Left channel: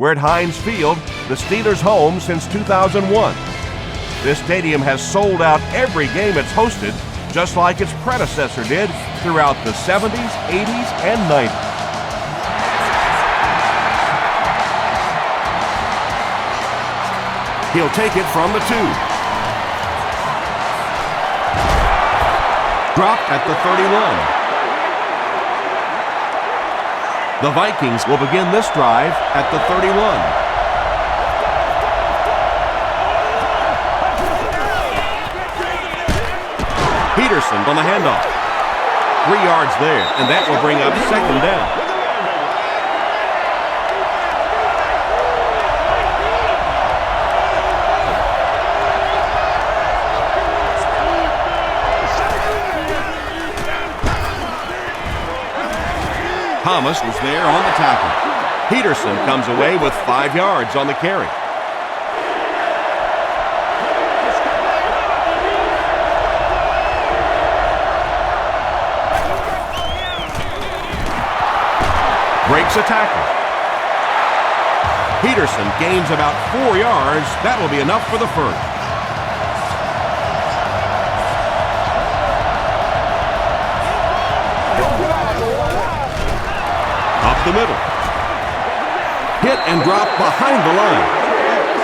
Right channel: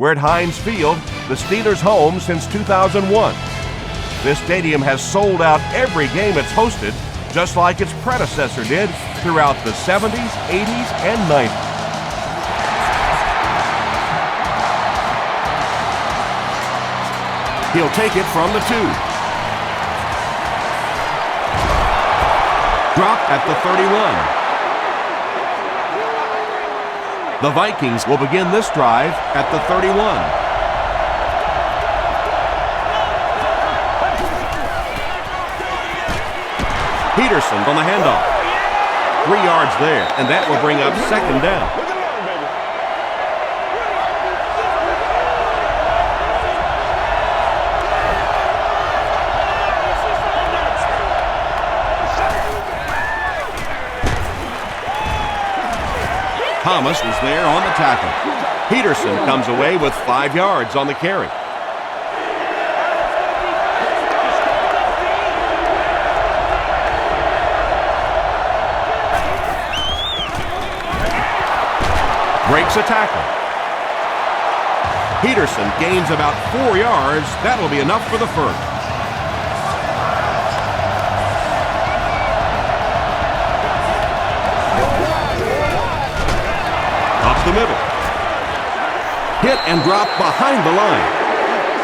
We're at Heinz Field, the Steelers' home since 2001. This stadium has sold out every game it's hosted, just like its predecessor did throughout the 70s, 80s, and 90s. He'll take it from the 2. Dropped at the 31. The Vikings will begin this drive at the 31. Peterson on the handoff. 3 yards there, and that will bring up 2nd down. Thomas was there on the tackle. Peterson comes away with 5 yards on the carry. Breaks a tackle. Peterson gains about 4 yards. That'll be enough for the first. Up the middle. Hit and drop behind the line.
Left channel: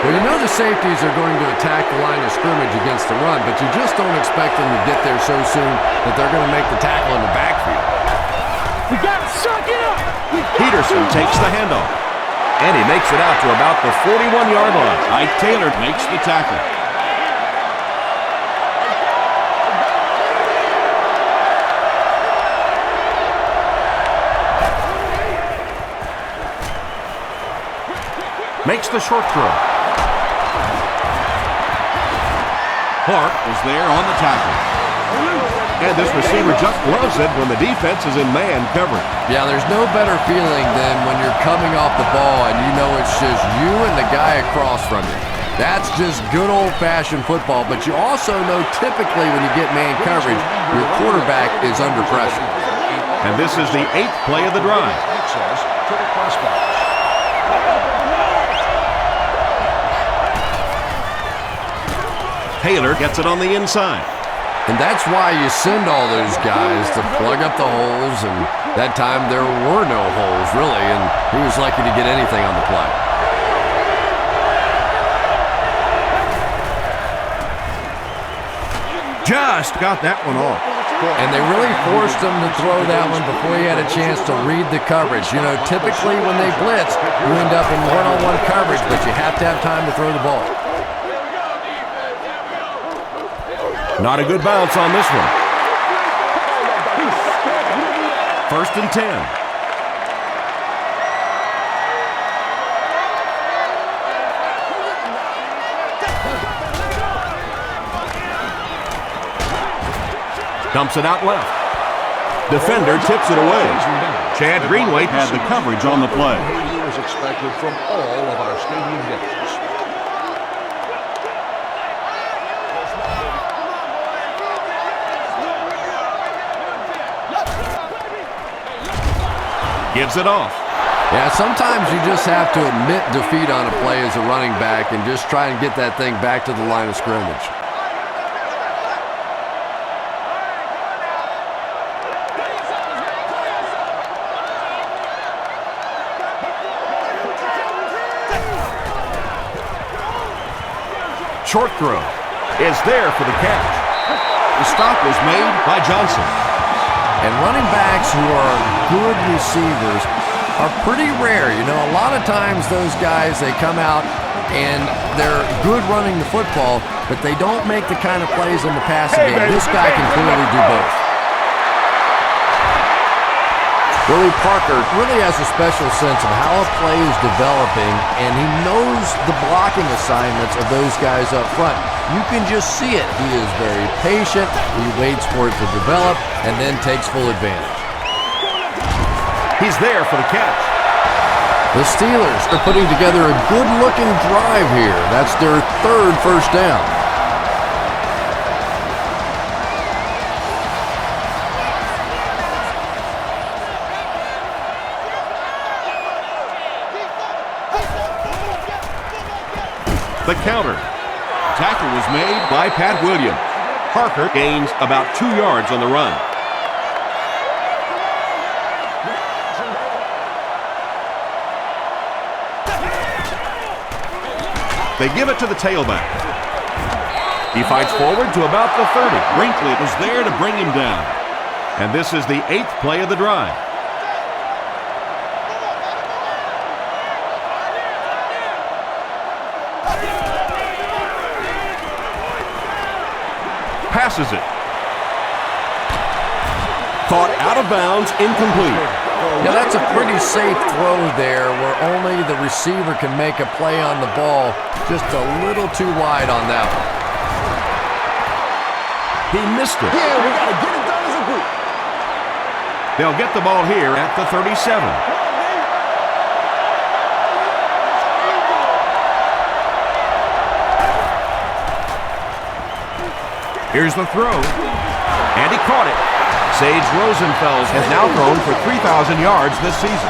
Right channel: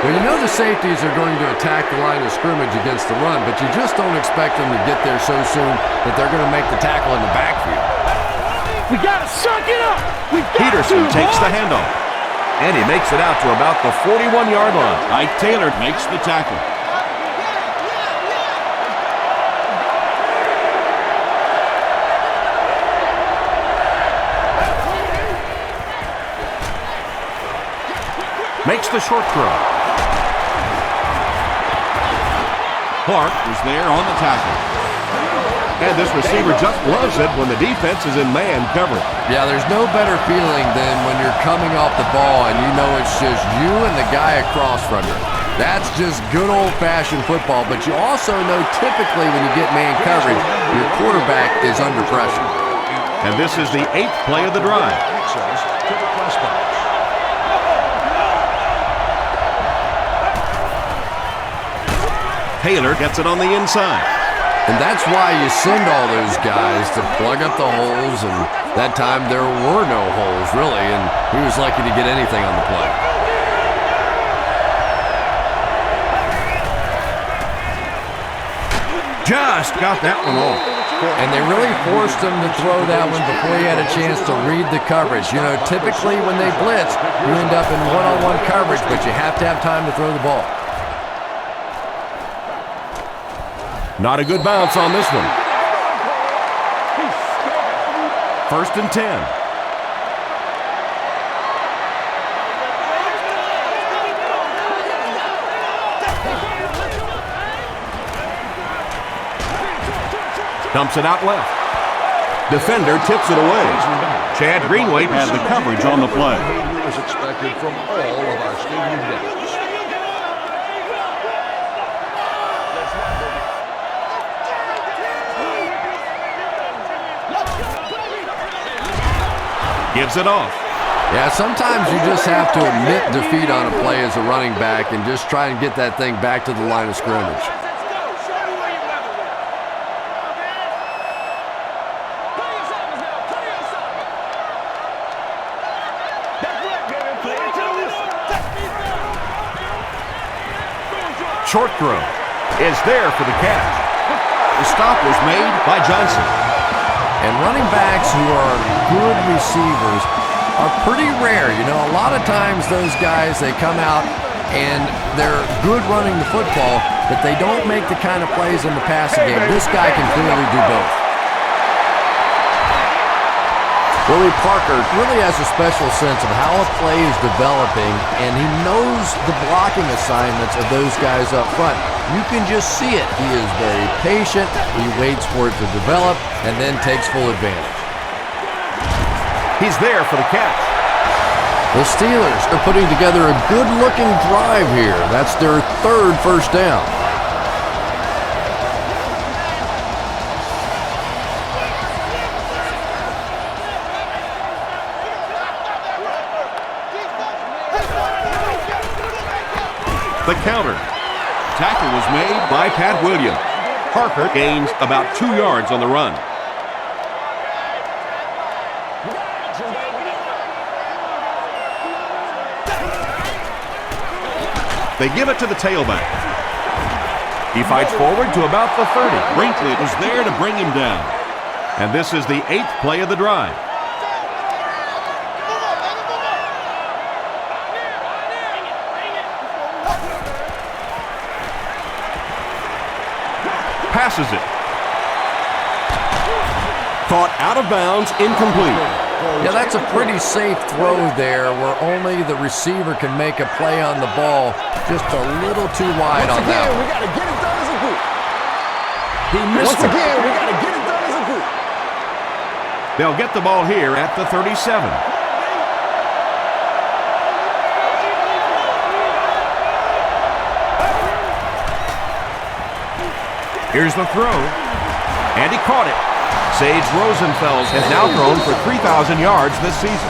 Well, you know the safeties are going to attack the line of scrimmage against the run, but you just don't expect them to get there so soon that they're going to make the tackle in the backfield. We got to suck it up. Peterson takes the handoff, and he makes it out to about the 41-yard line. Ike Taylor makes the tackle. Makes the short throw. Clark was there on the tackle. And this receiver just loves it when the defense is in man coverage. Yeah, there's no better feeling than when you're coming off the ball and you know it's just you and the guy across from you. That's just good old-fashioned football, but you also know typically when you get man coverage, your quarterback is under pressure. And this is the 8th play of the drive. Access to the press box. Taylor gets it on the inside. And that's why you send all those guys to plug up the holes, and that time there were no holes, really, and he was lucky to get anything on the play. Just got that one off. And they really forced him to throw that one before he had a chance to read the coverage. You know, typically when they blitz, you end up in one-on-one coverage, but you have to have time to throw the ball. Not a good bounce on this one. 1st and 10. Dumps it out left. Defender tips it away. Chad Greenway has the coverage on the play. Behavior is expected from all of our stadium guests. Gives it off. Yeah, sometimes you just have to admit defeat on a play as a running back and just try and get that thing back to the line of scrimmage. Short throw is there for the catch. The stop was made by Johnson. And running backs who are good receivers are pretty rare. You know, a lot of times those guys, they come out and they're good running the football, but they don't make the kind of plays in the passing game. This guy can clearly do both. Willie Parker really has a special sense of how a play is developing, and he knows the blocking assignments of those guys up front. You can just see it. He is very patient. He waits for it to develop and then takes full advantage. He's there for the catch. The Steelers are putting together a good-looking drive here. That's their 3rd first down. The counter. Tackle was made by Pat Williams. Parker gains about 2 yards on the run. They give it to the tailback. He fights forward to about the 30. Brinkley was there to bring him down. And this is the 8th play of the drive. Passes it. Caught out of bounds, incomplete. Yeah, that's a pretty safe throw there where only the receiver can make a play on the ball. Just a little too wide on that one. He missed it. Again, we got to get it done as a group. They'll get the ball here at the 37. Here's the throw, and he caught it. Sage Rosenfels has now thrown for 3,000 yards this season.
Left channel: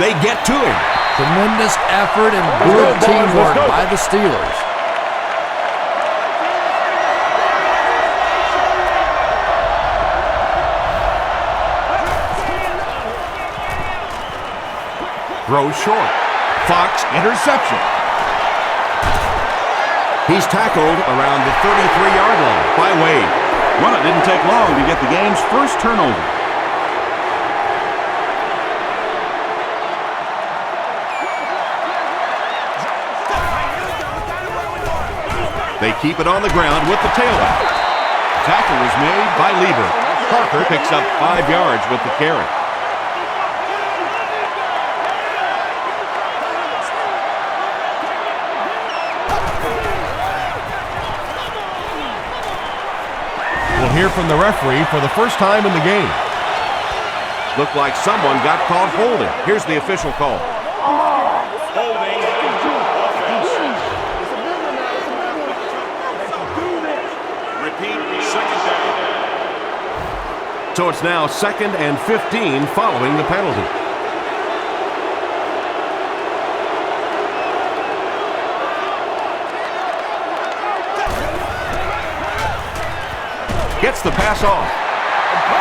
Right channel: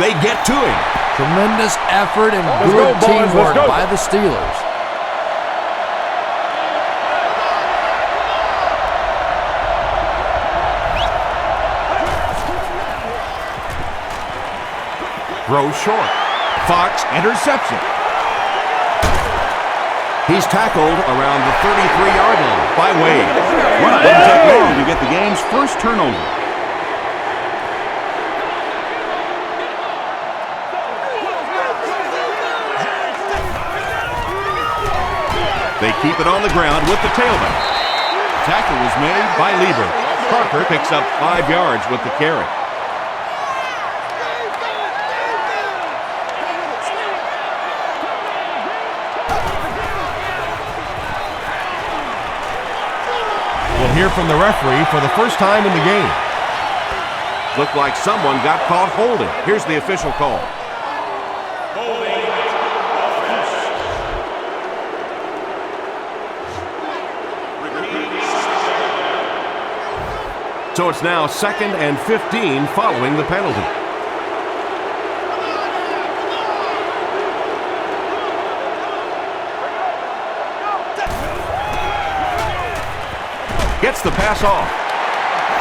They get to him. Tremendous effort and good teamwork by the Steelers. Throws short. Fox interception. He's tackled around the 33-yard line by Wade. Well, it didn't take long to get the game's first turnover. They keep it on the ground with the tailback. Tackle was made by Lieber. Parker picks up 5 yards with the carry. We'll hear from the referee for the first time in the game. Looked like someone got caught holding. Here's the official call. Holding offense. Repeat, second down. So it's now 2nd and 15 following the penalty. Gets the pass off.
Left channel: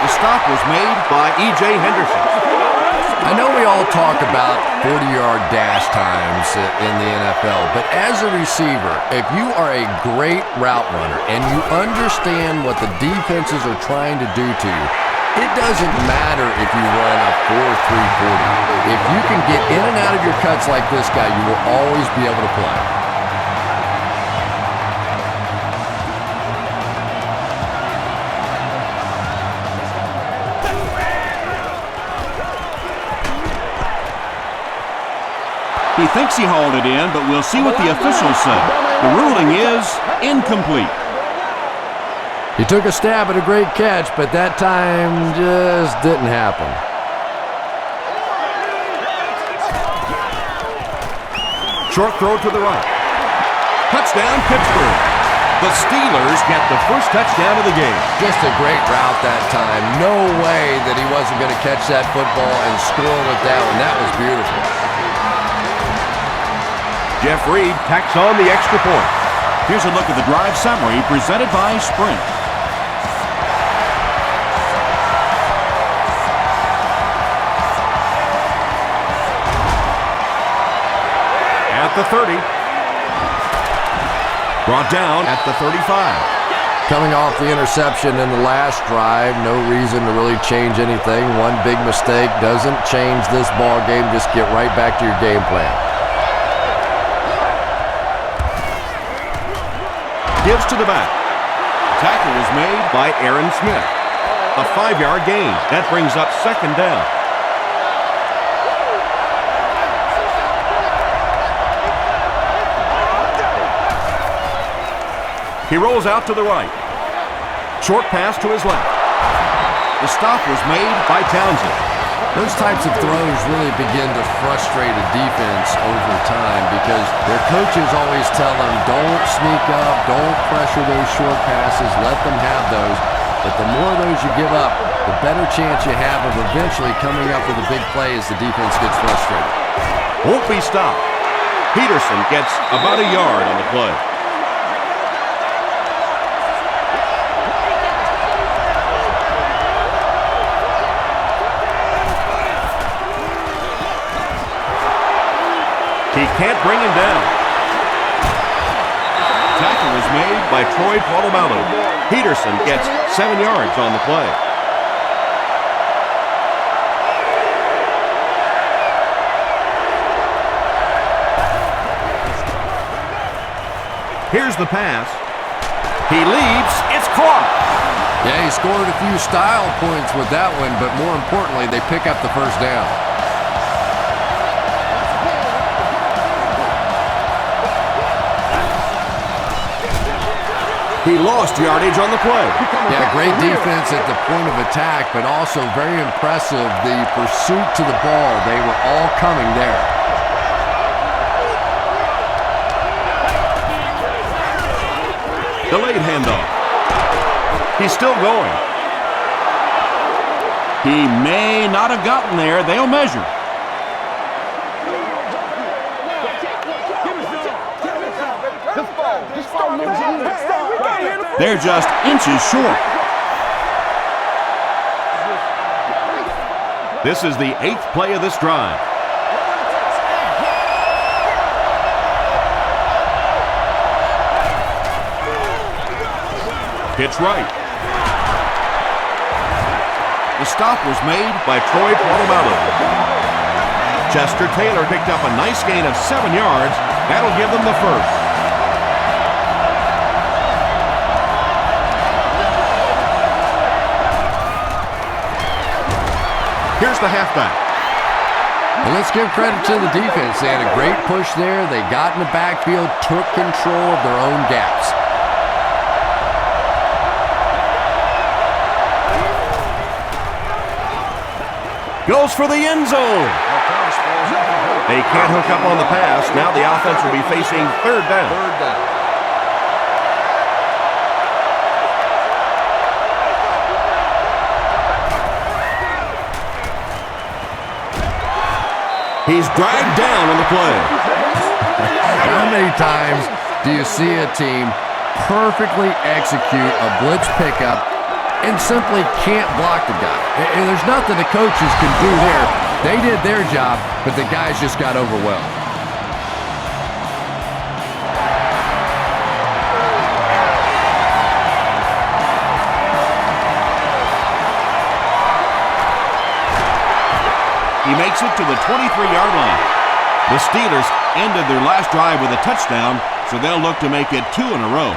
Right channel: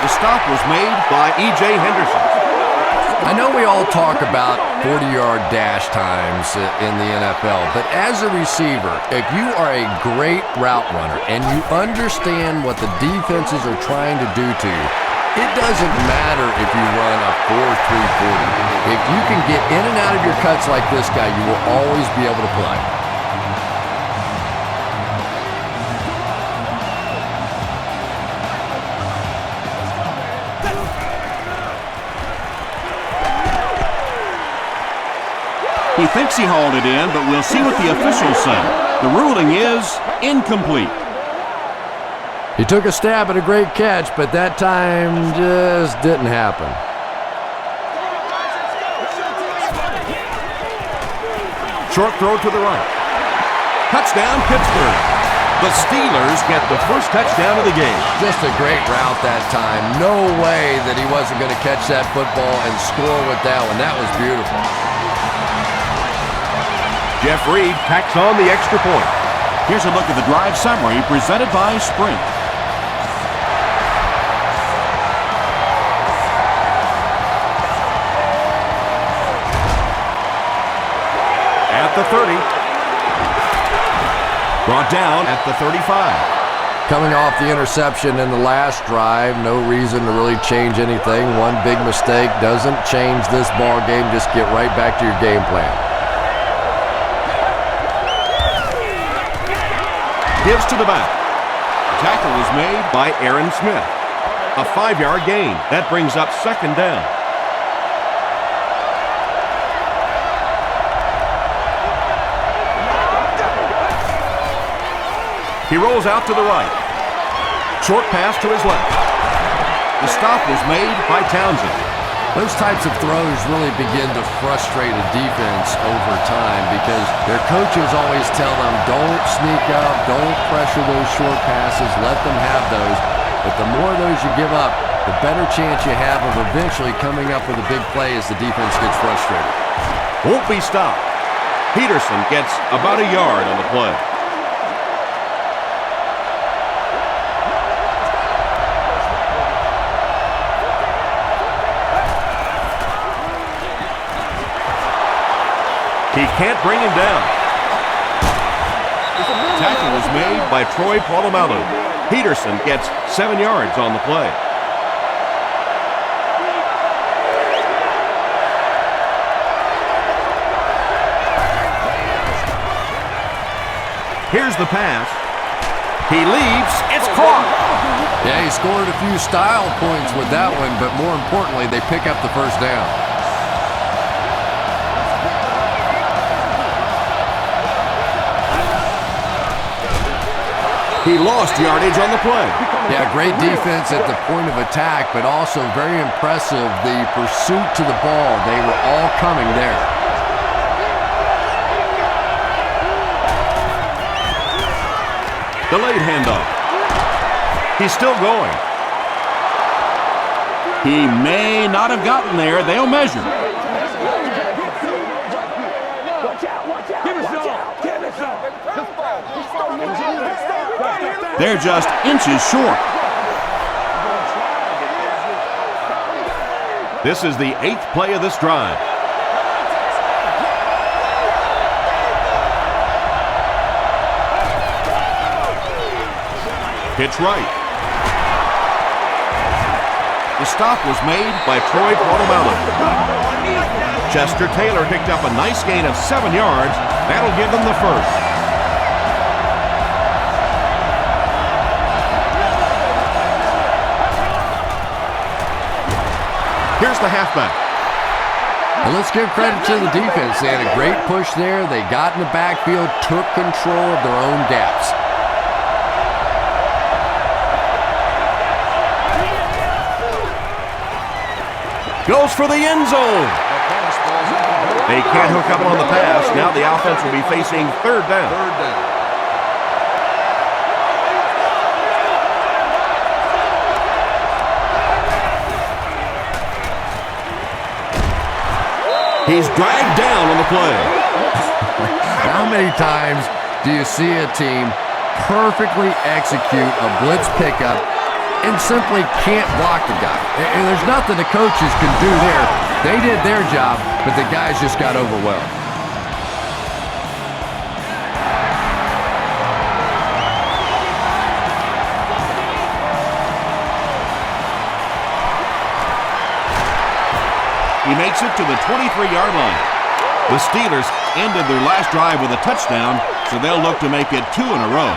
The stop was made by E.J. Henderson. I know we all talk about 40-yard dash times in the NFL, but as a receiver, if you are a great route runner and you understand what the defenses are trying to do to you, it doesn't matter if you run a 4.340. If you can get in and out of your cuts like this guy, you will always be able to play. He thinks he hauled it in, but we'll see what the officials say. The ruling is incomplete. He took a stab at a great catch, but that time just didn't happen. Short throw to the right. Touchdown, Pittsburgh. The Steelers get the first touchdown of the game. Just a great route that time. No way that he wasn't going to catch that football and score with that one. That was beautiful. Jeff Reed tacks on the extra point. Here's a look at the drive summary presented by Sprint. At the 30. Brought down at the 35. Coming off the interception in the last drive, no reason to really change anything. One big mistake doesn't change this ball game. Just get right back to your game plan. Gives to the back. Tackle was made by Aaron Smith. A 5-yard gain. That brings up 2nd down. He rolls out to the right. Short pass to his left. The stop was made by Townsend. Those types of throws really begin to frustrate a defense over time because their coaches always tell them, don't sneak up, don't pressure those short passes, let them have those. But the more of those you give up, the better chance you have of eventually coming up with a big play as the defense gets frustrated. Won't be stopped. Peterson gets about a yard on the play. He can't bring him down. Tackle was made by Troy Polamalu. Peterson gets 7 yards on the play. Here's the pass. He leaps. It's caught. Yeah, he scored a few style points with that one, but more importantly, they pick up the first down. He lost yardage on the play. Yeah, great defense at the point of attack, but also very impressive, the pursuit to the ball. They were all coming there. Delayed handoff. He's still going. He may not have gotten there. They'll measure. They're just inches short. This is the 8th play of this drive. Pitch right. The stop was made by Troy Polamalu. Chester Taylor picked up a nice gain of 7 yards. That'll give them the first. Here's the halfback. Well, let's give credit to the defense. They had a great push there. They got in the backfield, took control of their own gaps. Goes for the end zone. They can't hook up on the pass. Now the offense will be facing third down. Third down. He's dragged down on the play. How many times do you see a team perfectly execute a blitz pickup and simply can't block the guy? And there's nothing the coaches can do there. They did their job, but the guys just got overwhelmed. He makes it to the 23-yard line. The Steelers ended their last drive with a touchdown, so they'll look to make it 2 in a row.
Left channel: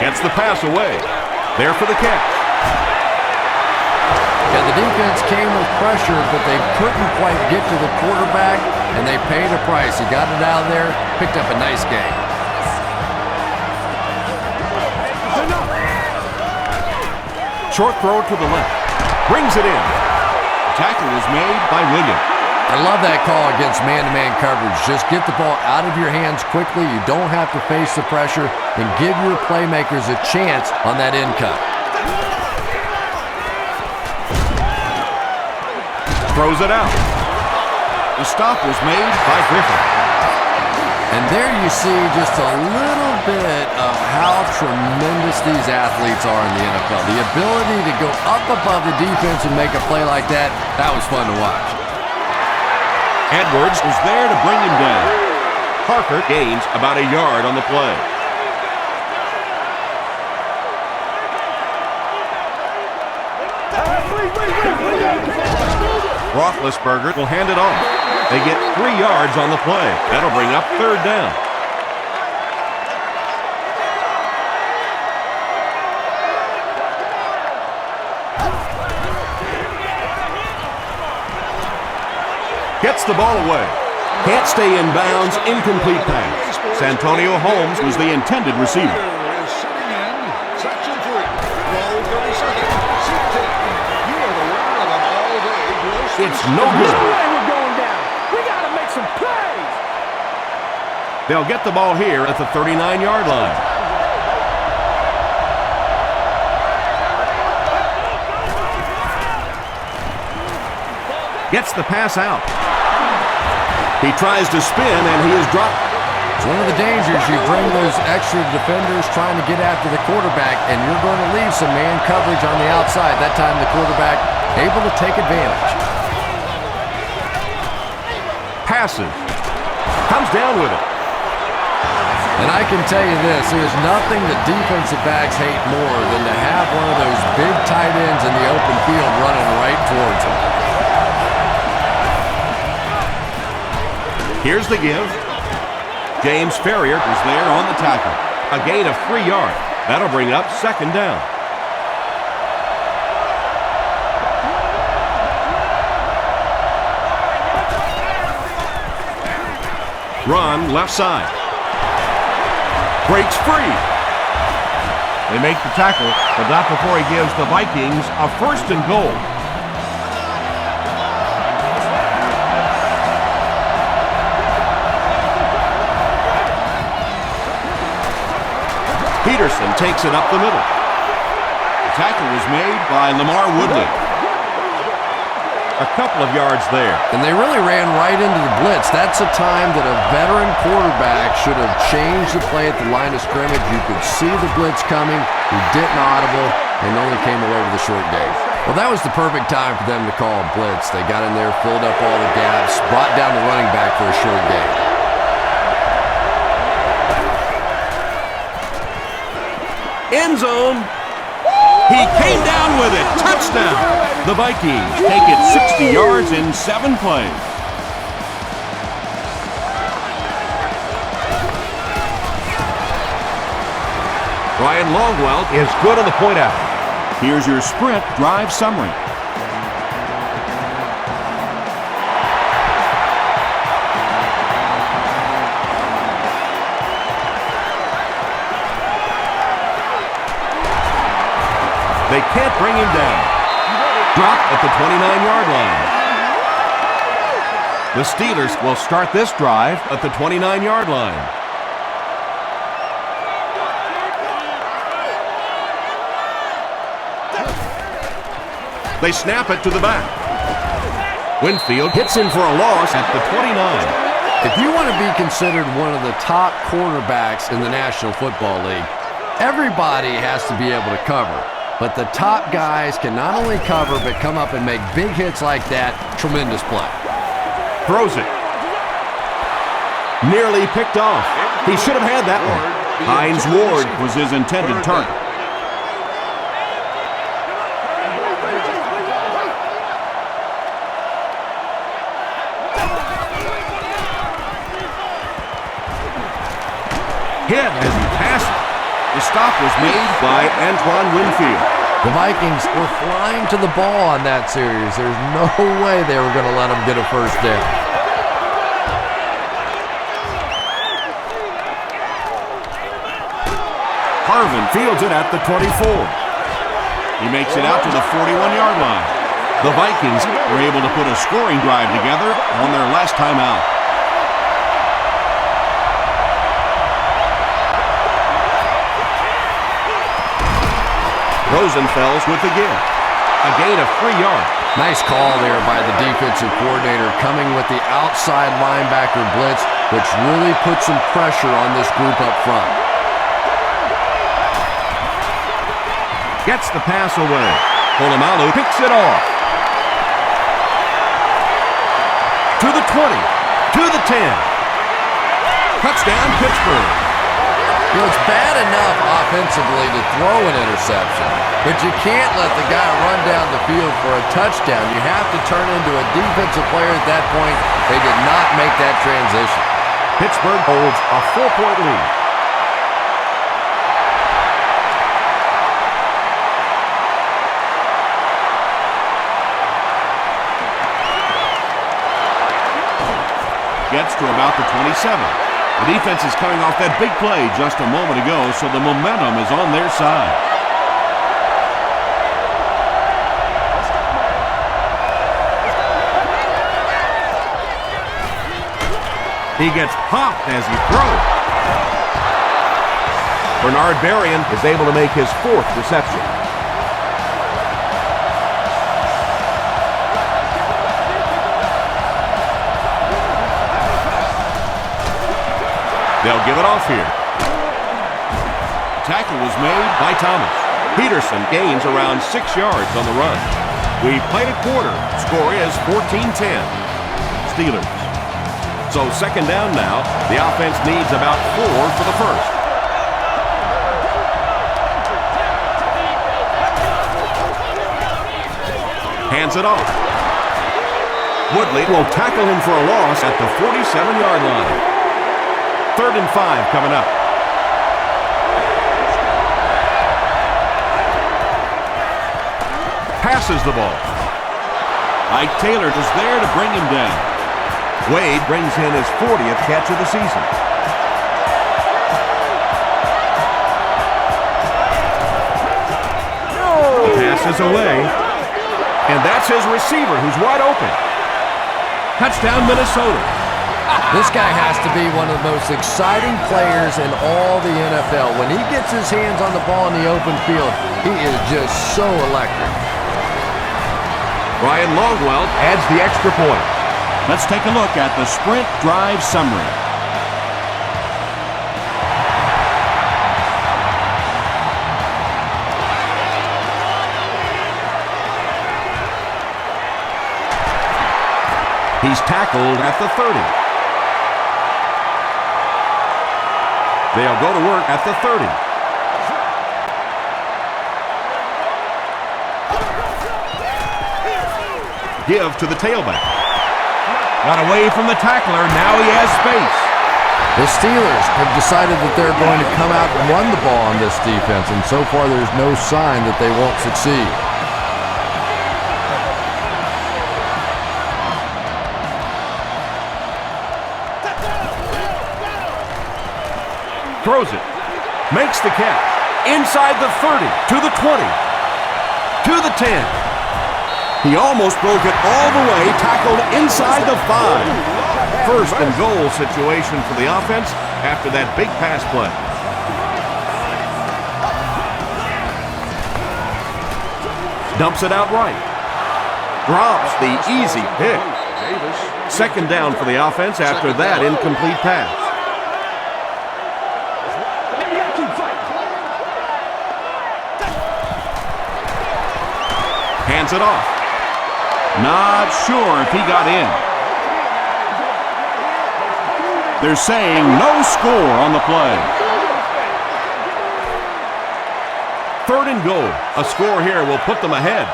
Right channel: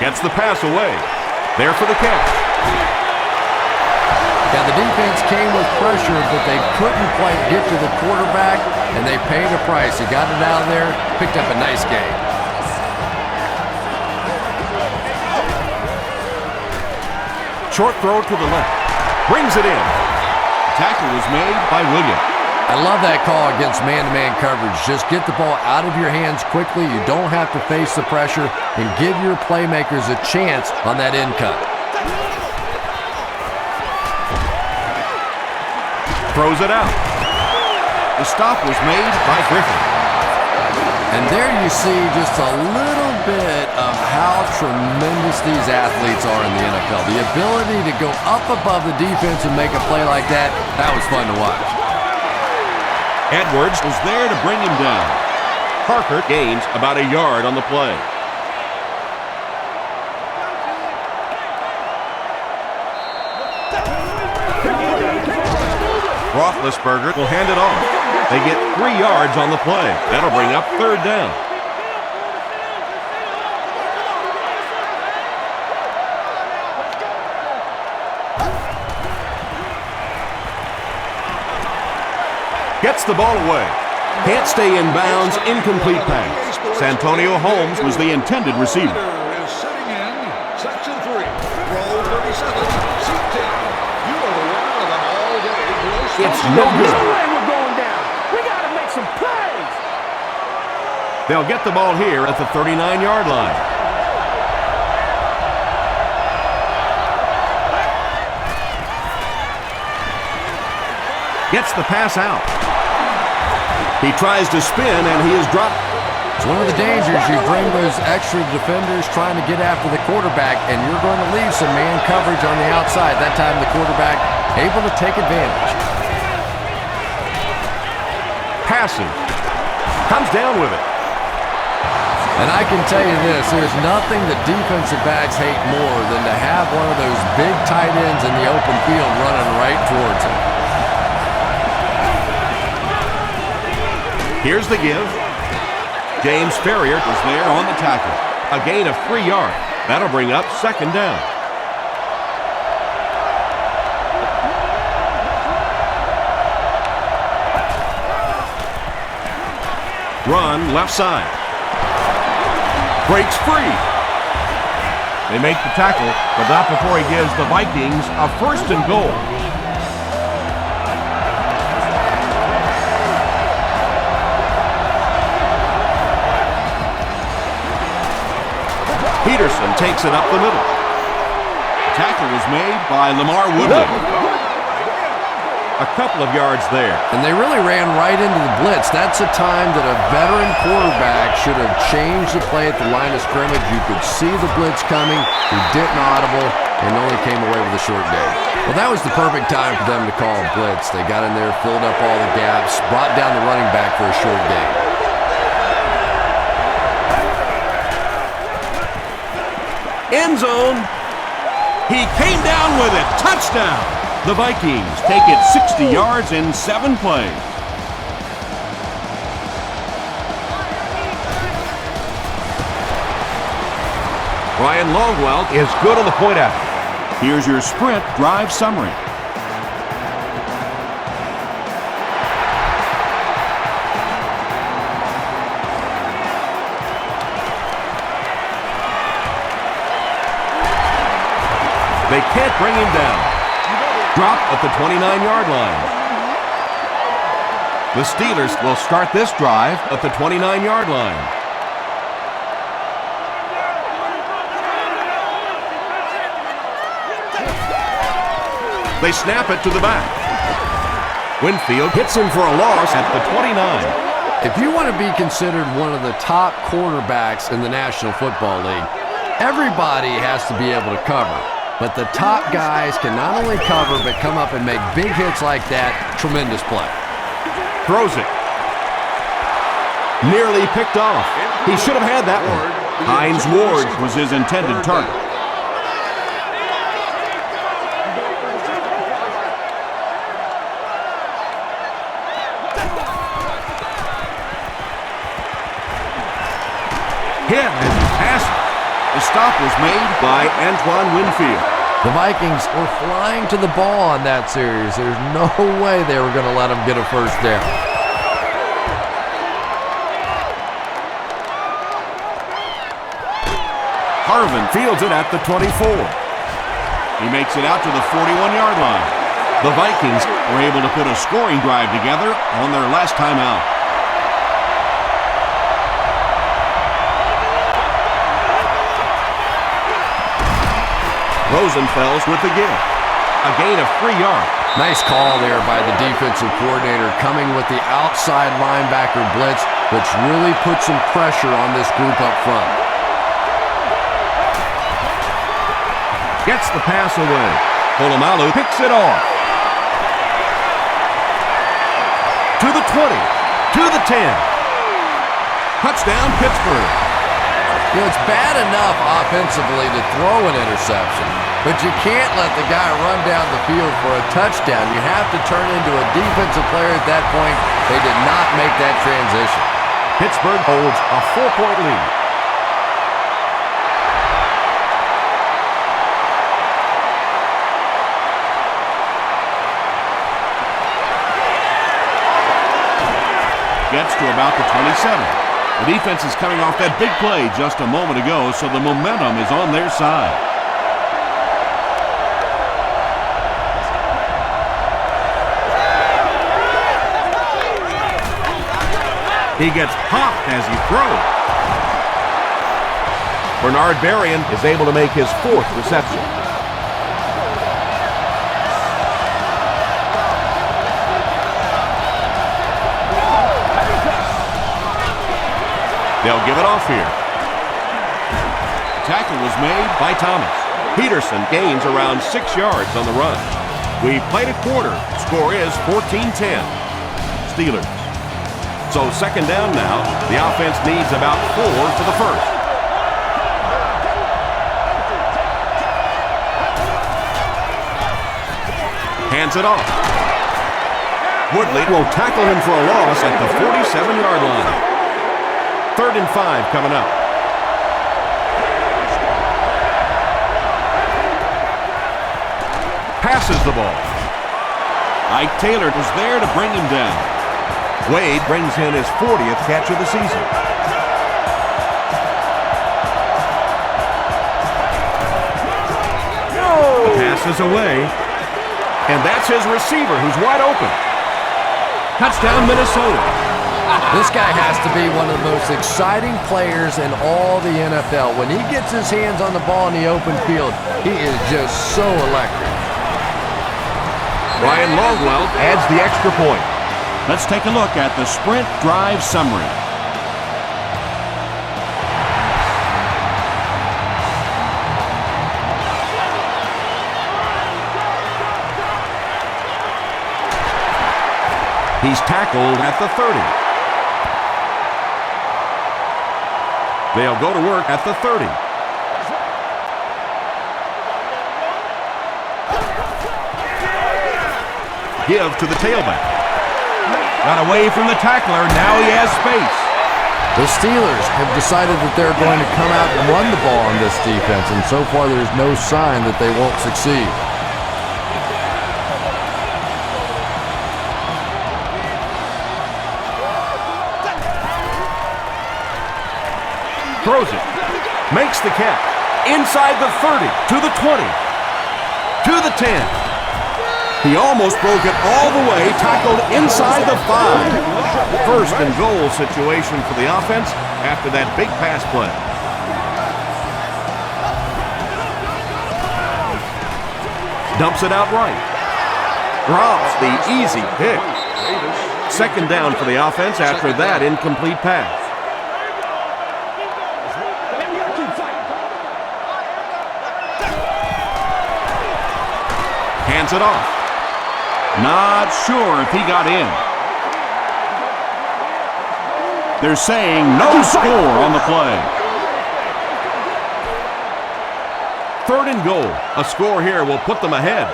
Gets the pass away. There for the catch. Yeah, the defense came with pressure, but they couldn't quite get to the quarterback, and they paid a price. He got it out of there, picked up a nice gain. Short throw to the left. Brings it in. The tackle was made by Williams. I love that call against man-to-man coverage. Just get the ball out of your hands quickly. You don't have to face the pressure, and give your playmakers a chance on that end cut. Throws it out. The stop was made by Griffin. And there you see just a little bit of how tremendous these athletes are in the NFL. The ability to go up above the defense and make a play like that, that was fun to watch. Edwards was there to bring him down. Parker gains about a yard on the play. Roethlisberger will hand it off. They get 3 yards on the play. That'll bring up third down. Gets the ball away. Can't stay in bounds. Incomplete pass. Santonio Holmes was the intended receiver. Is sitting in section 3. Roll 30 seconds. Seat 10. You are the winner of an all-day gross. It's no good. No way we're going down. We got to make some plays. They'll get the ball here at the 39-yard line. Gets the pass out. He tries to spin, and he is dropped. It's one of the dangers. You bring those extra defenders trying to get after the quarterback, and you're going to leave some man coverage on the outside. That time the quarterback able to take advantage. Passes. Comes down with it. And I can tell you this, there's nothing that defensive backs hate more than to have one of those big tight ends in the open field running right towards him. Here's the give. James Ferrier was there on the tackle. A gain of 3 yards. That'll bring up second down. Run left side. Breaks free. They make the tackle, but not before he gives the Vikings a 1st and goal. Peterson takes it up the middle. The tackle was made by Lamar Woodley. A couple of yards there. And they really ran right into the blitz. That's a time that a veteran quarterback should have changed the play at the line of scrimmage. You could see the blitz coming. He didn't audible and only came away with a short gain. Well, that was the perfect time for them to call a blitz. They got in there, filled up all the gaps, brought down the running back for a short gain. End zone. He came down with it. Touchdown. The Vikings take it 60 yards in 7 plays. Ryan Longwell is good on the point out. Here's your sprint drive summary. They can't bring him down. Drop at the 29-yard line. The Steelers will start this drive at the 29-yard line. They snap it to the back. Winfield hits him for a loss at the 29. If you want to be considered one of the top cornerbacks in the National Football League, everybody has to be able to cover. But the top guys can not only cover, but come up and make big hits like that. Tremendous play. Throws it. Nearly picked off. He should have had that one. Hines Ward was his intended target. Hit as he passes. The stop was made by Antoine Winfield. The Vikings were flying to the ball on that series. There's no way they were going to let them get a first down. Harvin fields it at the 24. He makes it out to the 41-yard line. The Vikings were able to put a scoring drive together on their last time out. Rosenfels with the give. A gain of 3 yards. Nice call there by the defensive coordinator, coming with the outside linebacker blitz, which really put some pressure on this group up front. Gets the pass away. Polamalu picks it off. To the 20. To the 10. Touchdown, Pittsburgh. You know, it's bad enough offensively to throw an interception, but you can't let the guy run down the field for a touchdown. You have to turn into a defensive player at that point. They did not make that transition. Pittsburgh holds a 4-point lead. Gets to about the 27. The defense is coming off that big play just a moment ago, so the momentum is on their side. He gets popped as he throws. Bernard Berrien is able to make his 4th reception. They'll give it off here. Tackle was made by Thomas. Peterson gains around 6 yards on the run. We played a quarter. Score is 14-10. Steelers. So second down now. The offense needs about 4 for the first. Hands it off. Woodley will tackle him for a loss at the 47-yard line. 3rd and 5 coming up. Passes the ball. Ike Taylor was there to bring him down. Wade brings in his 40th catch of the season. Passes away. And that's his receiver who's wide open. Touchdown, Minnesota. This guy has to be one of the most exciting players in all the NFL. When he gets his hands on the ball in the open field, he is just so electric. Ryan Longwell adds the extra point. Let's take a look at the sprint drive summary. He's tackled at the 30. They'll go to work at the 30. Give to the tailback. Got away from the tackler. Now he has space. The Steelers have decided that they're going to come out and run the ball on this defense, and so far there's no sign that they won't succeed. Throws it. Makes the catch. Inside the 30. To the 20. To the 10. He almost broke it all the way. Tackled inside the 5. First and goal situation for the offense after that big pass play. Dumps it out right. Drops the easy pick. Second down for the offense after that incomplete pass. Hands it off. Not sure if he got in. They're saying no score on the play. 3rd and goal. A score here will put them ahead.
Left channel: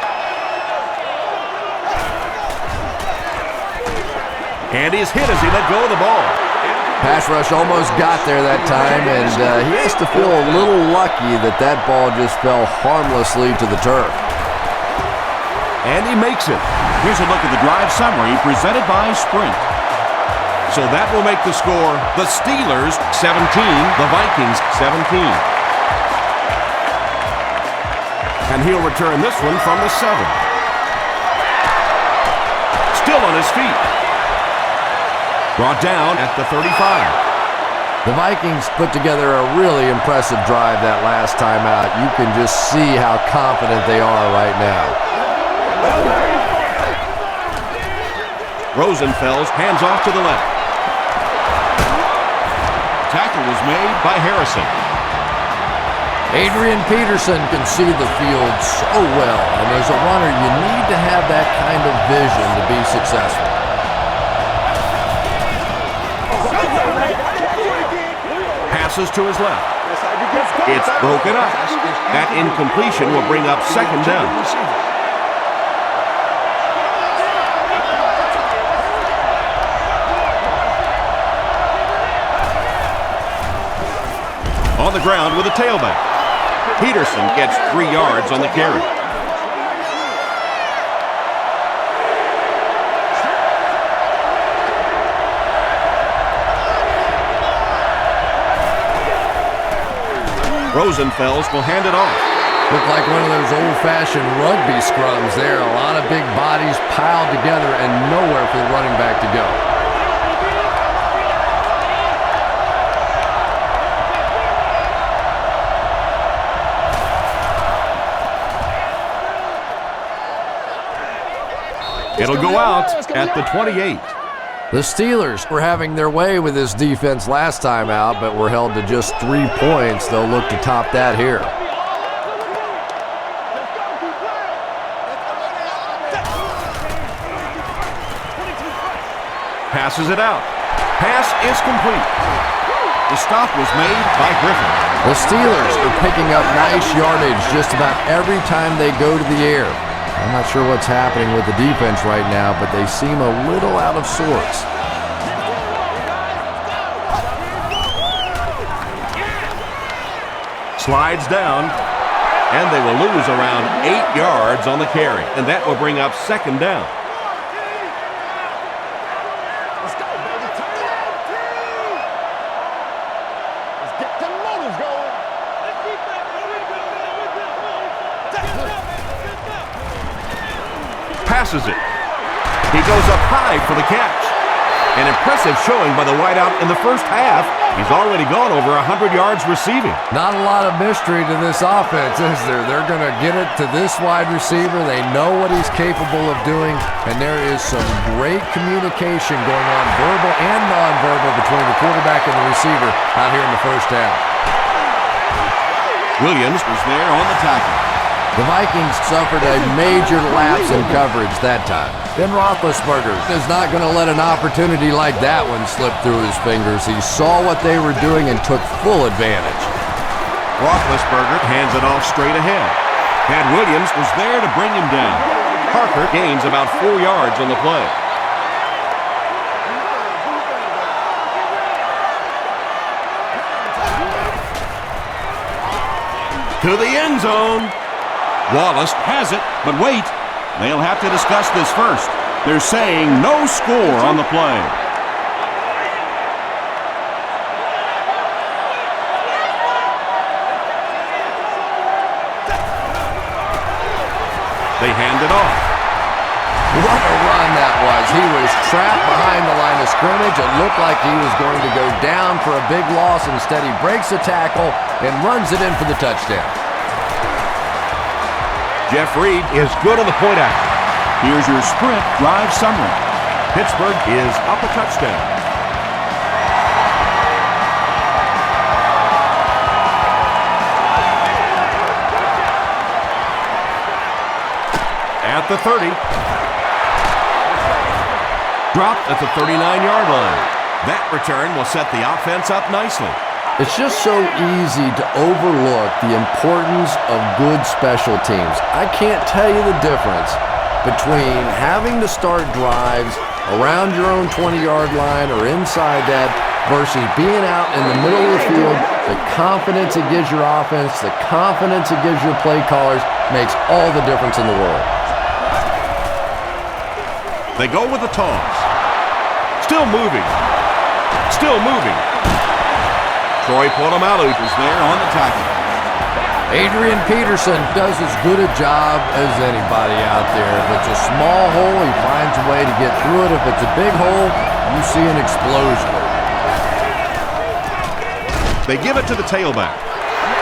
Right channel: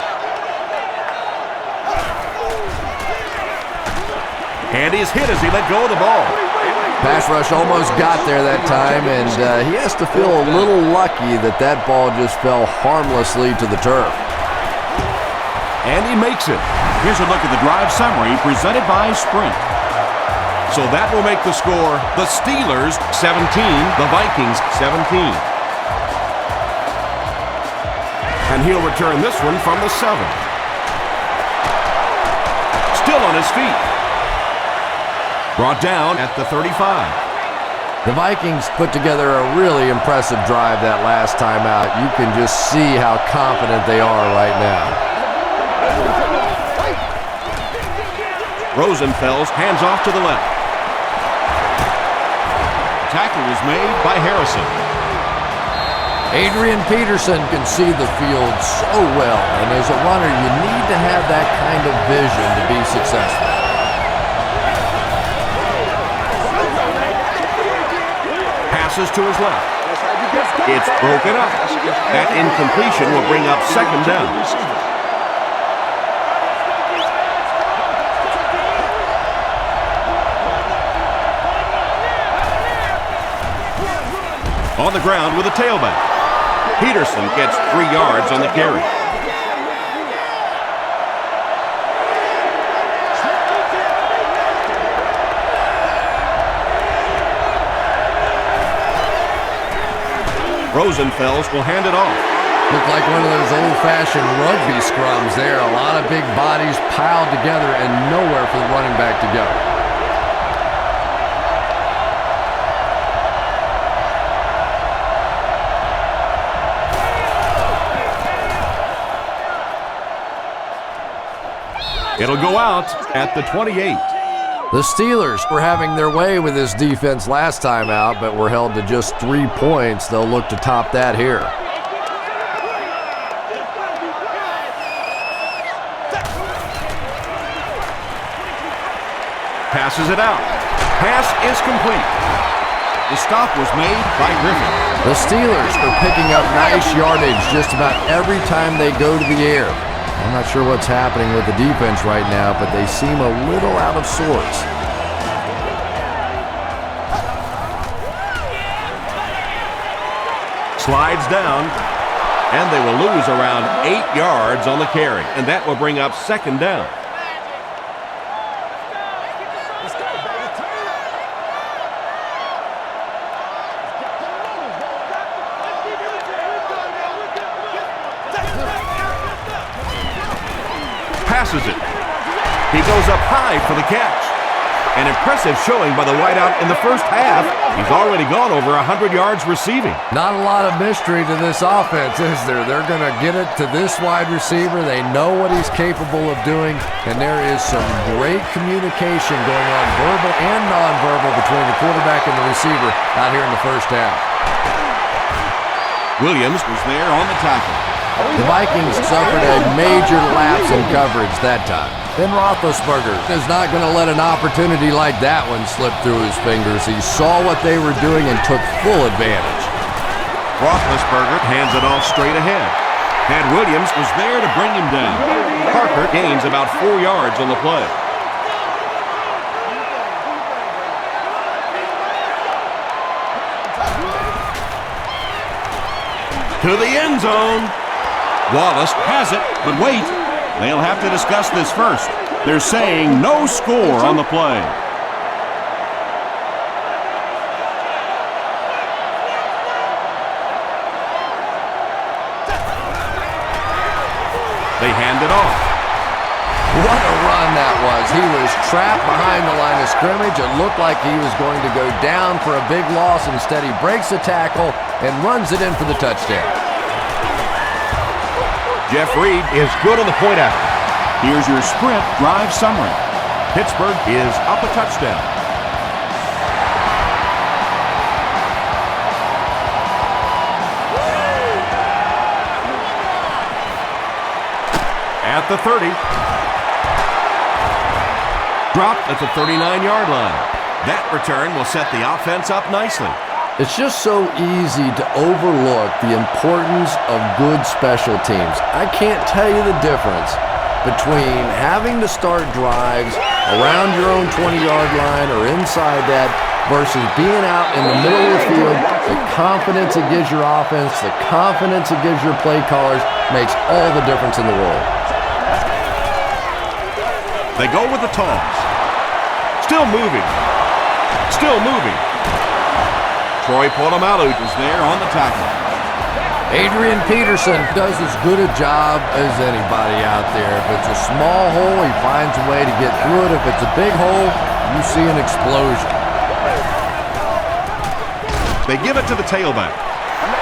And he's hit as he let go of the ball. Pass rush almost got there that time, and he has to feel a little lucky that that ball just fell harmlessly to the turf. And he makes it. Here's a look at the drive summary presented by Sprint. So that will make the score the Steelers 17, the Vikings 17. And he'll return this one from the 7. Still on his feet. Brought down at the 35. The Vikings put together a really impressive drive that last time out. You can just see how confident they are right now. Rosenfels hands off to the left. Tackle was made by Harrison. Adrian Peterson can see the field so well, and as a runner, you need to have that kind of vision to be successful. Passes to his left. It's broken up. That incompletion will bring up second down. On the ground with a tailback. Peterson gets 3 yards on the carry. Rosenfels will hand it off. Looked like one of those old-fashioned rugby scrums there. A lot of big bodies piled together and nowhere for the running back to go. It'll go out at the 28. The Steelers were having their way with this defense last time out, but were held to just 3 points. They'll look to top that here. Passes it out. Pass is complete. The stop was made by Griffin. The Steelers are picking up nice yardage just about every time they go to the air. I'm not sure what's happening with the defense right now, but they seem a little out of sorts. Slides down, and they will lose around 8 yards on the carry, and that will bring up second down. Let's go, baby. Turn it up. Let's get them motors going. Let's keep that there. We're good now. We're good. Come on. Let's get up. Passes it. He goes up high for the catch. An impressive showing by the wideout in the first half. He's already gone over 100 yards receiving. Not a lot of mystery to this offense, is there? They're going to get it to this wide receiver. They know what he's capable of doing, and there is some great communication going on, verbal and nonverbal, between the quarterback and the receiver out here in the first half. Williams was there on the tackle. The Vikings suffered a major lapse in coverage that time. Ben Roethlisberger is not going to let an opportunity like that one slip through his fingers. He saw what they were doing and took full advantage. Roethlisberger hands it off straight ahead. And Williams was there to bring him down. Parker gains about 4 yards on the play. To the end zone. Wallace has it, but wait. They'll have to discuss this first. They're saying no score on the play. They hand it off. What a run that was. He was trapped behind the line of scrimmage. It looked like he was going to go down for a big loss. Instead, he breaks the tackle and runs it in for the touchdown. Jeff Reed is good on the point after. Here's your sprint drive summary. Pittsburgh is up a touchdown. At the 30. Dropped at the 39-yard line. That return will set the offense up nicely. It's just so easy to overlook the importance of good special teams. I can't tell you the difference between having to start drives around your own 20-yard line or inside that versus being out in the middle of the field. The confidence it gives your offense, the confidence it gives your play callers makes all the difference in the world. They go with the toss. Still moving. Still moving. Troy Polamalu is there on the tackle. Adrian Peterson does as good a job as anybody out there. If it's a small hole, he finds a way to get through it. If it's a big hole, you see an explosion. They give it to the tailback.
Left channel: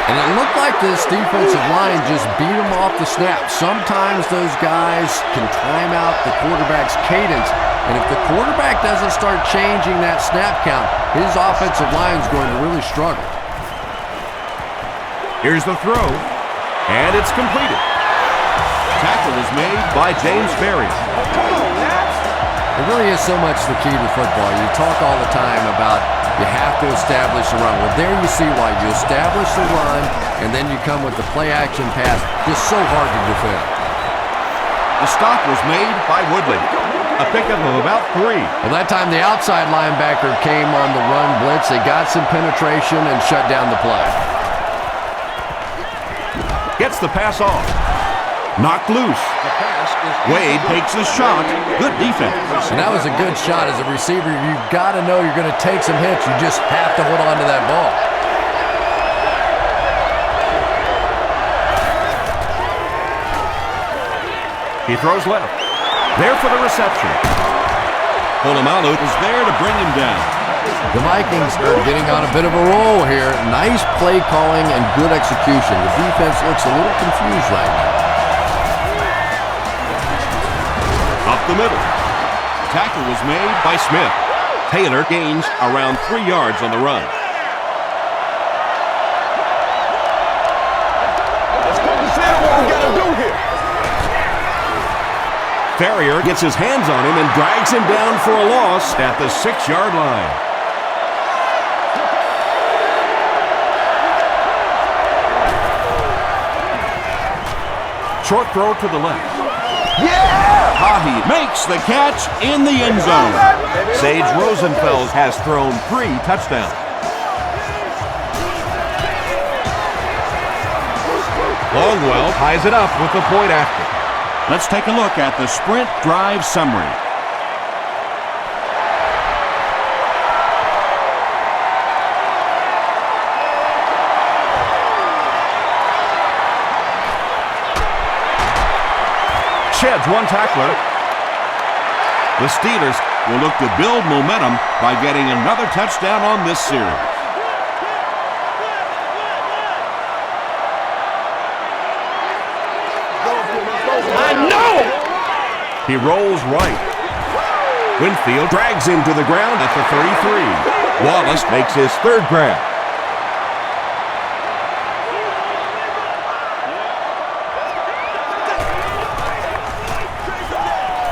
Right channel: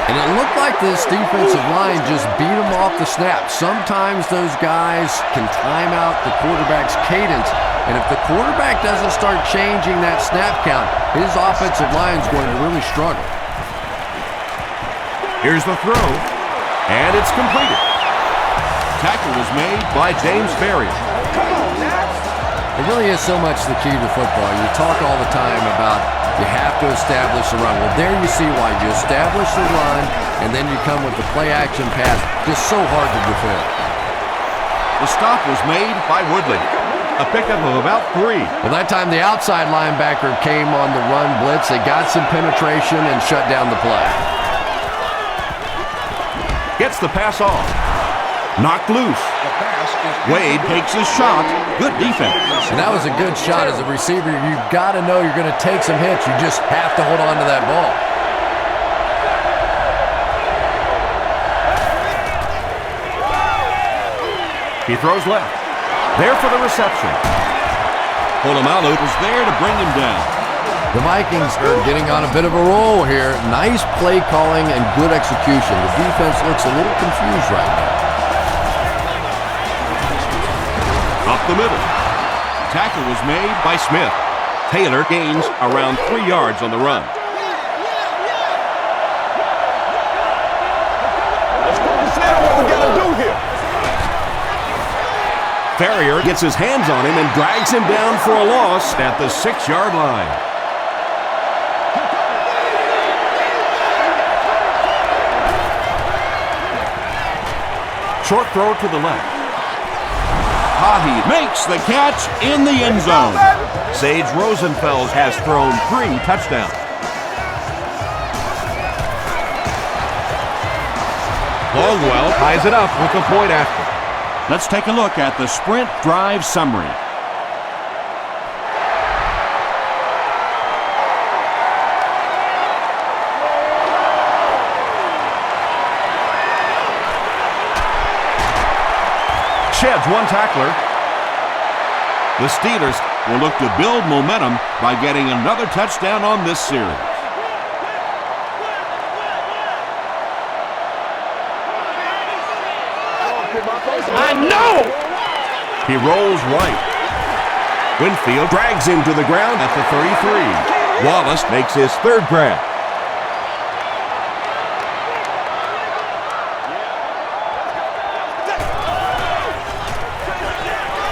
And it looked like this defensive line just beat him off the snap. Sometimes those guys can time out the quarterback's cadence. And if the quarterback doesn't start changing that snap count, his offensive line is going to really struggle. Here's the throw, and it's completed. Tackle was made by James Ferrier. It really is so much the key to football. You talk all the time about you have to establish the run. Well, there you see why. You establish the run, and then you come with the play-action pass. Just so hard to defend. The stop was made by Woodley. A pickup of about 3. Well, that time the outside linebacker came on the run blitz. They got some penetration and shut down the play. Gets the pass off. Knocked loose. The pass is Wade takes a shot. Good defense. And that was a good shot as a receiver. You've got to know you're going to take some hits. You just have to hold on to that ball. He throws left. There for the reception. Polamalu was there to bring him down. The Vikings are getting on a bit of a roll here. Nice play calling and good execution. The defense looks a little confused right now. Up the middle. Tackle was made by Smith. Taylor gains around 3 yards on the run. Let's focus in on what we got to do here. Ferrier gets his hands on him and drags him down for a loss at the 6-yard line. Short throw to the left. Hahi makes the catch in the end zone. Sage Rosenfels has thrown 3 touchdowns. Longwell ties it up with the point after. Let's take a look at the sprint drive summary. Sheds one tackler. The Steelers will look to build momentum by getting another touchdown on this series. I know! He rolls right. Winfield drags him to the ground at the 33. Wallace makes his 3rd grab.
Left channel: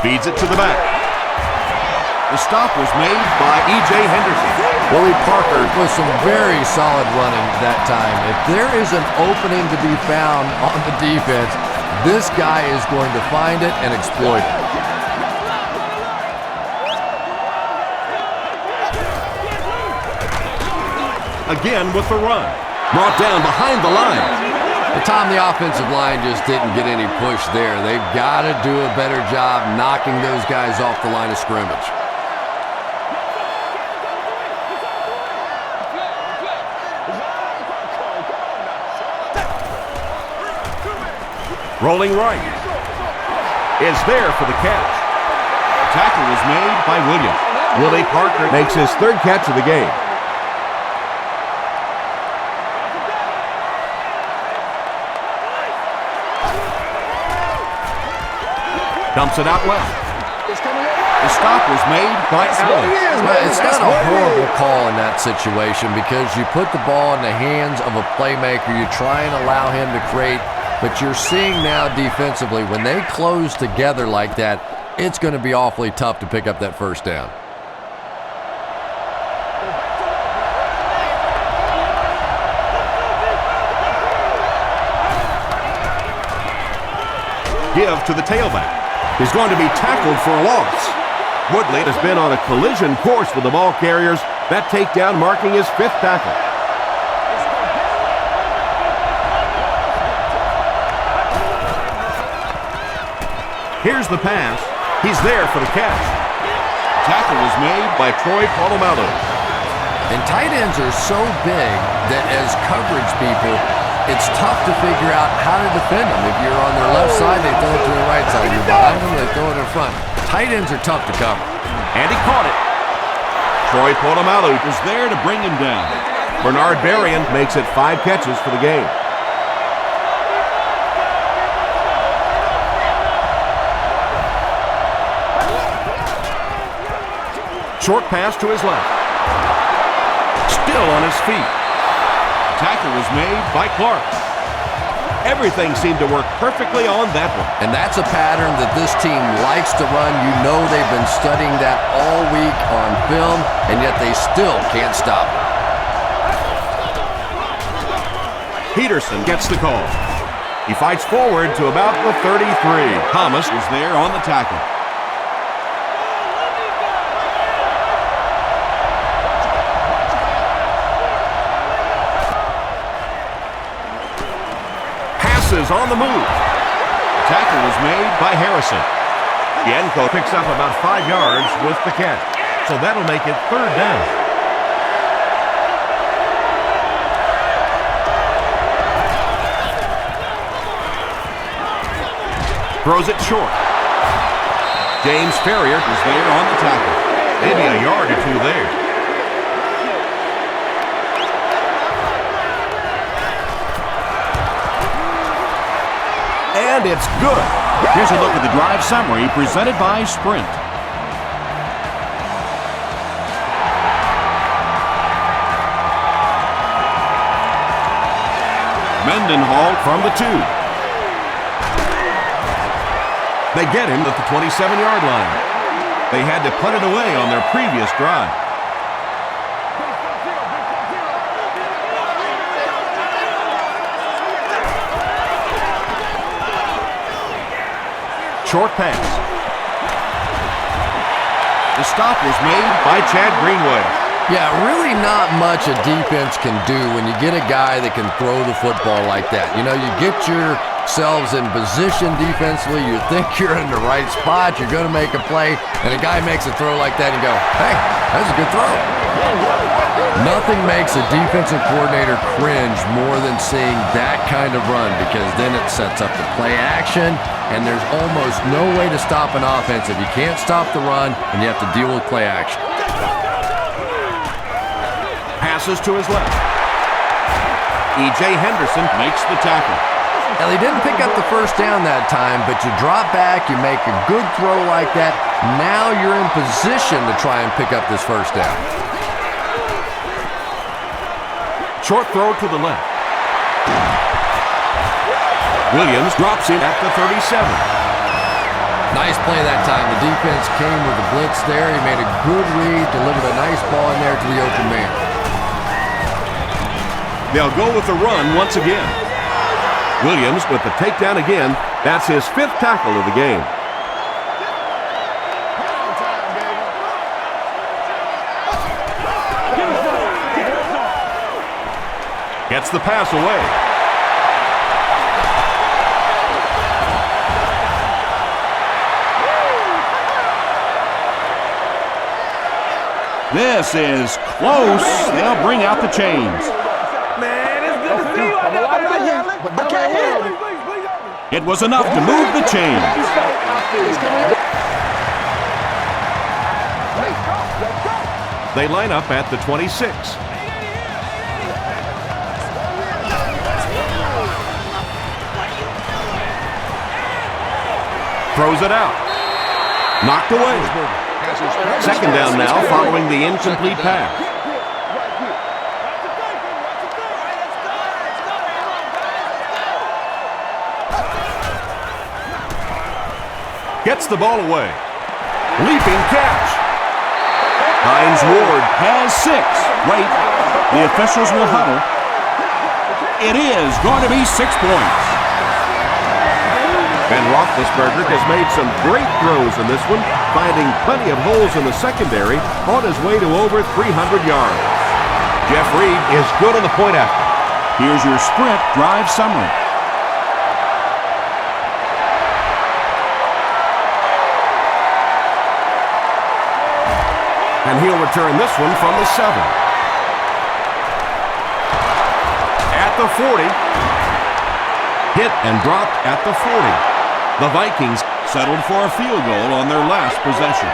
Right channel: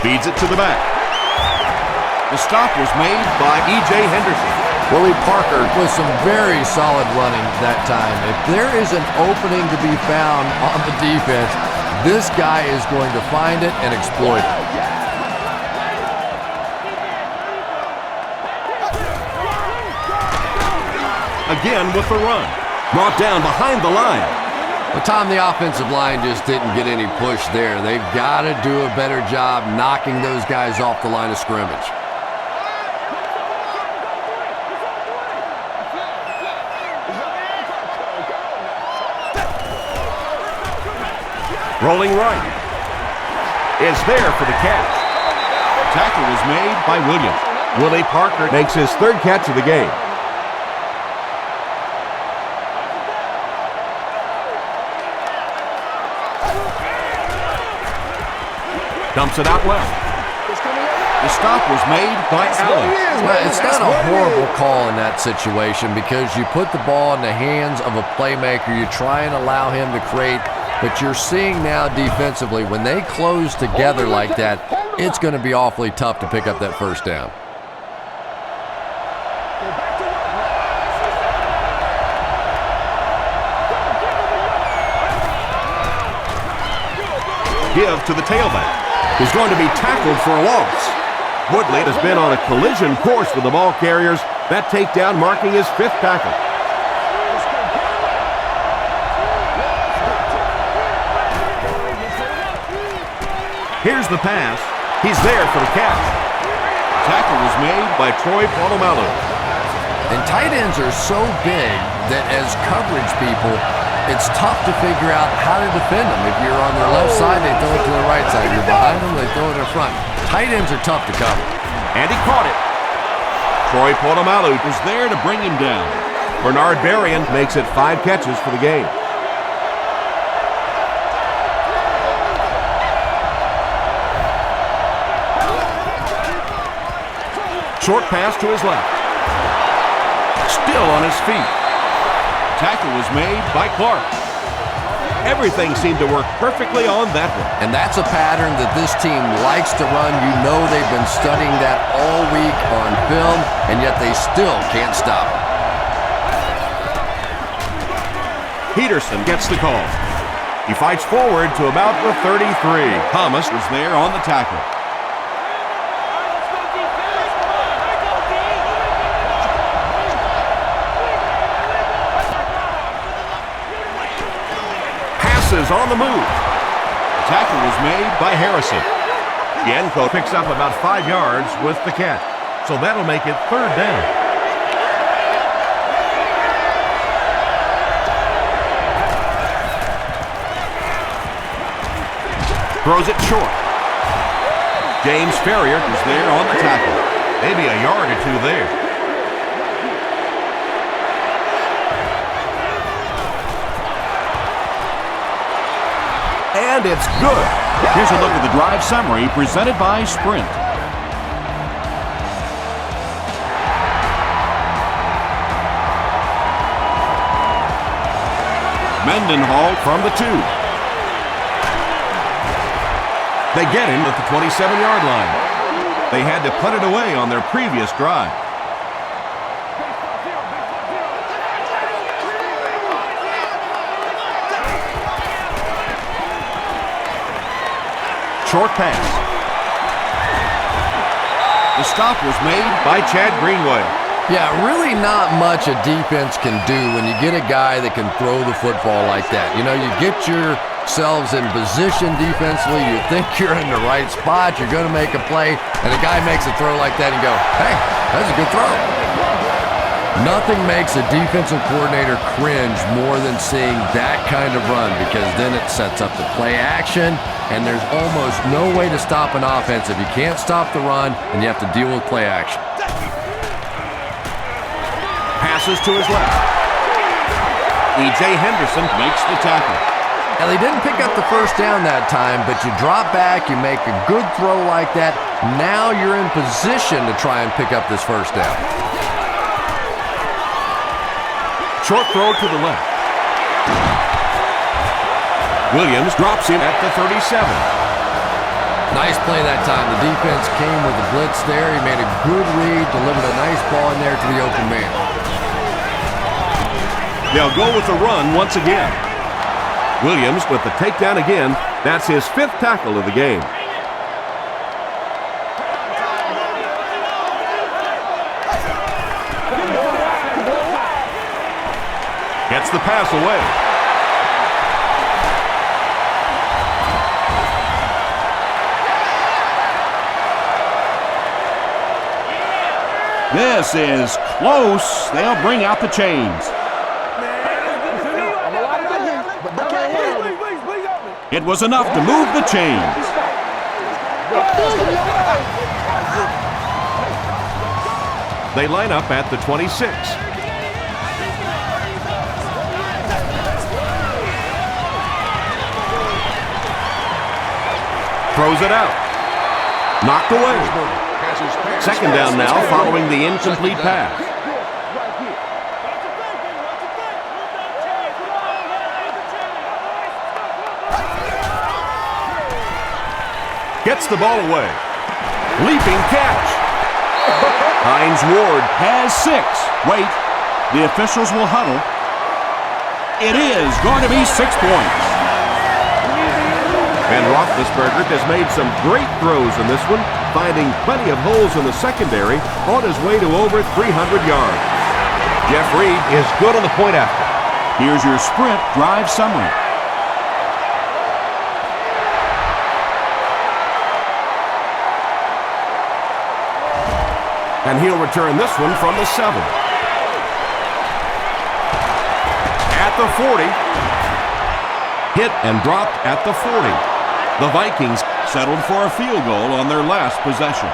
Feeds it to the back. The stop was made by E.J. Henderson. Willie Parker with some very solid running that time. If there is an opening to be found on the defense, this guy is going to find it and exploit it. Again with the run. Brought down behind the line. But Tom, the offensive line just didn't get any push there. They've got to do a better job knocking those guys off the line of scrimmage. Rolling right. Is there for the catch. tackle was made by Williams. Willie Parker makes his 3rd catch of the game. Dumps it out left. The stop was made by Allen. Well, it's not a horrible call in that situation because you put the ball in the hands of a playmaker. You try and allow him to create, but you're seeing now defensively, when they close together like that, it's going to be awfully tough to pick up that 1st down. Go back to work now. Give to the tailback. He's going to be tackled for a loss. Woodley has been on a collision course with the ball carriers. That takedown marking his 5th tackle. Here's the pass. He's there for the catch. Tackle was made by Troy Polamalu. And tight ends are so big that as coverage people, it's tough to figure out how to defend them. If you're on their left side, they throw it to the right side. You're behind them, they throw it in front. Tight ends are tough to cover. And he caught it. Troy Polamalu Was there to bring him down. Bernard Berrien makes it 5 catches for the game. Short pass to his left. Still on his feet. Tackle was made by Clark. Everything seemed to work perfectly on that one. And that's a pattern that this team likes to run. You know they've been studying that all week on film, and yet they still can't stop it. Peterson gets the call. He fights forward to about the 33. Thomas was there on the tackle. Passes on the move. The tackle was made by Harrison. Yenko picks up about 5 yards with the catch. So that'll make it 3rd down. Throws it short. James Ferrier is there on the tackle. Maybe a yard or two there. And it's good. Here's a look at the drive summary presented by Sprint. Mendenhall from the 2. They get him at the 27-yard line. They had to put it away on their previous drive. Short pass. The stop was made By Chad Greenway. Yeah, really not much a defense can do when you get a guy that can throw the football like that. You know, you get yourselves in position defensively, you think you're in the right spot, you're going to make a play, and a guy makes a throw like that and you go, hey, that's a good throw. Nothing makes a defensive coordinator cringe more than seeing that kind of run, because then it sets up the play action, and there's almost no way to stop an offense if you can't stop the run and you have to deal with play action. Passes to his left. E.J. Henderson makes the tackle. Well, he didn't pick up the first down that time, but you drop back, you make a good throw like that. Now you're in position to try and pick up this first down. Short throw to the left. Williams drops him at the 37. Nice play that time. The defense came with the blitz there. He made a good read, delivered a nice ball in there to the open man. They'll go with the run once again. Williams with the takedown again. That's his 5th tackle of the game. Gets the pass away. This is close. They'll bring out the chains. It was enough to move the chains. They line up at the 26. Throws it out. Knocked away. Second down now following the incomplete pass. Gets the ball away. Leaping catch. Hines Ward Has 6. Wait, the officials will huddle. It is going to be 6 points. Ben Roethlisberger has made some great throws in this one, finding plenty of holes in the secondary on his way to over 300 yards. Jeff Reed is good on the point after. Here's your Sprint drive summary. And he'll return this one from the 7. At the 40. Hit and dropped at the 40. The Vikings Settled for a field goal on their last possession.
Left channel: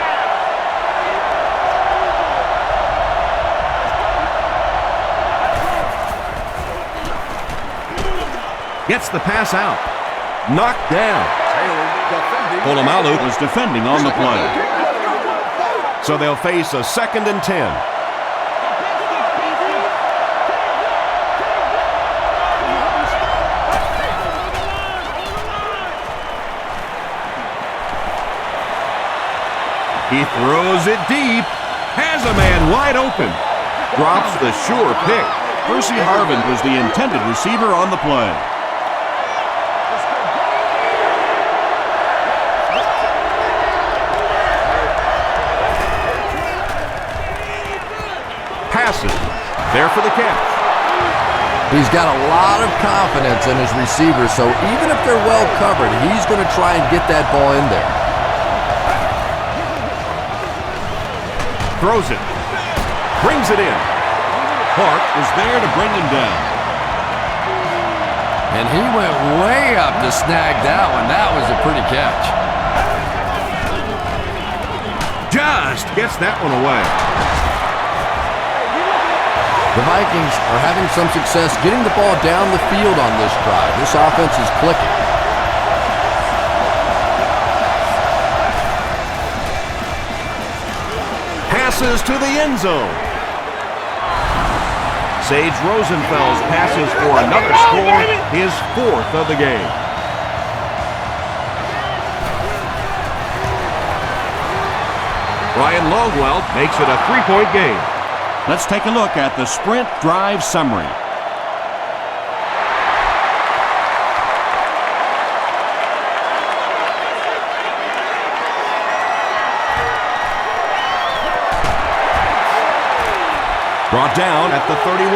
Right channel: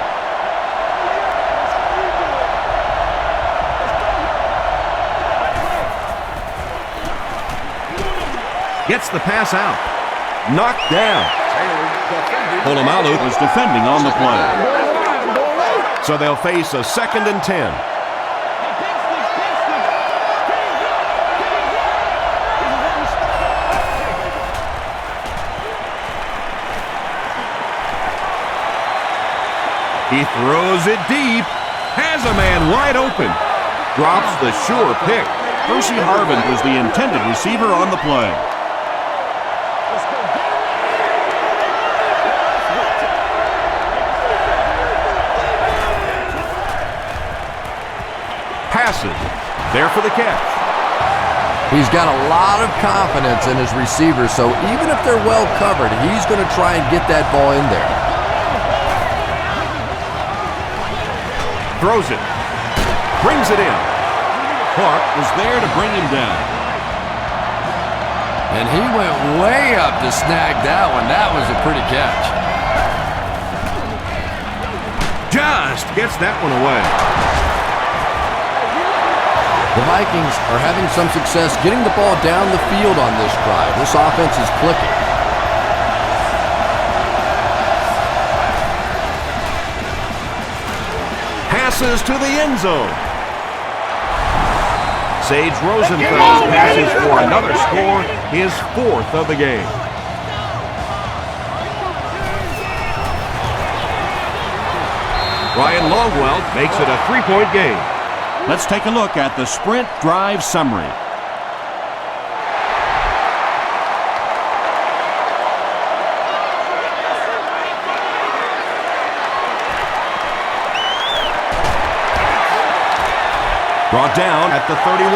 Gets the pass out. Knocked down. Polamalu was defending on the play. So they'll face a 2nd and 10. He throws it deep. Has a man wide open. Drops the sure pick. Percy Harvin was the intended receiver on the play. Passes. There for the catch. He's got a lot of confidence in his receivers, so even if they're well covered, he's going to try and get that ball in there. Throws it. Brings it in. Clark was there to bring him down. And he went way up to snag that one. That was a pretty catch. just gets that one away. The Vikings are having some success getting the ball down the field on this drive. This offense is clicking. Passes to the end zone. Sage Rosenfeld's passes for another score, his 4th of the game. Ryan Longwell makes it a 3-point game. Let's take a look at the sprint drive summary. Brought down at the 31.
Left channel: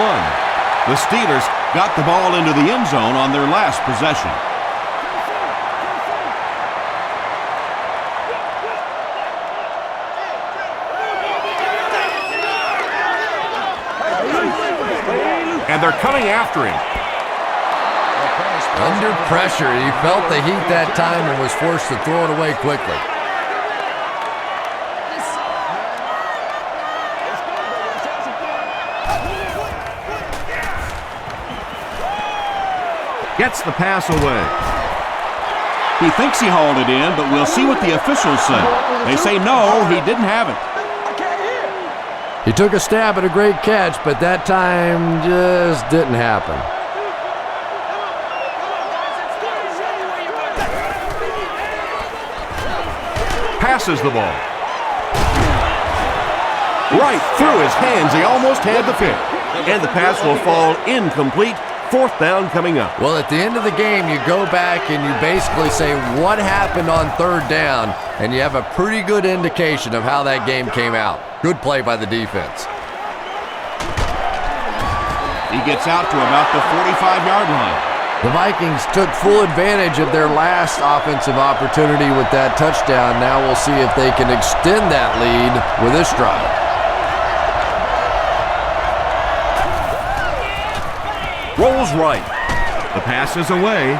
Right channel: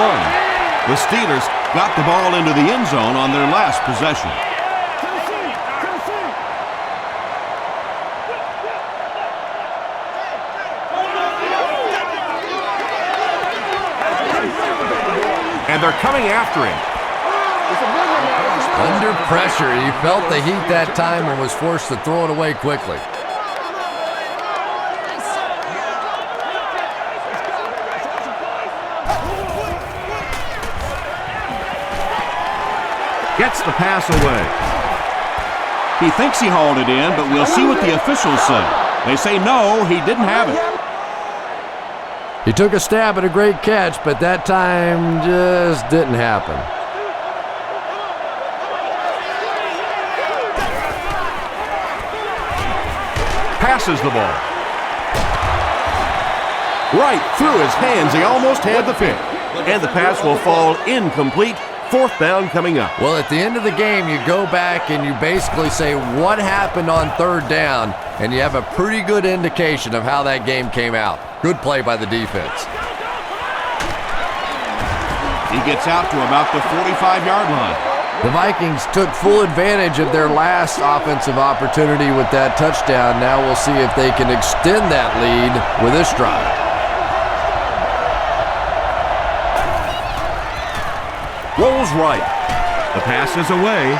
The Steelers got the ball into the end zone on their last possession. And they're coming after him. Under pressure, he felt the heat that time and was forced to throw it away quickly. Gets the pass away. He thinks he hauled it in, but we'll see what the officials say. They say no, he didn't have it. He took a stab at a great catch, but that time just didn't happen. Passes the ball. Right through his hands. He almost had the pick. And the pass will fall incomplete. 4th down coming up. Well, at the end of the game, you go back and you basically say what happened on 3rd down, and you have a pretty good indication of how that game came out. Good play by the defense. He gets out to about the 45-yard line. The Vikings took full advantage of their last offensive opportunity with that touchdown. Now we'll see if they can extend that lead with this drive. Rolls right. The pass is away.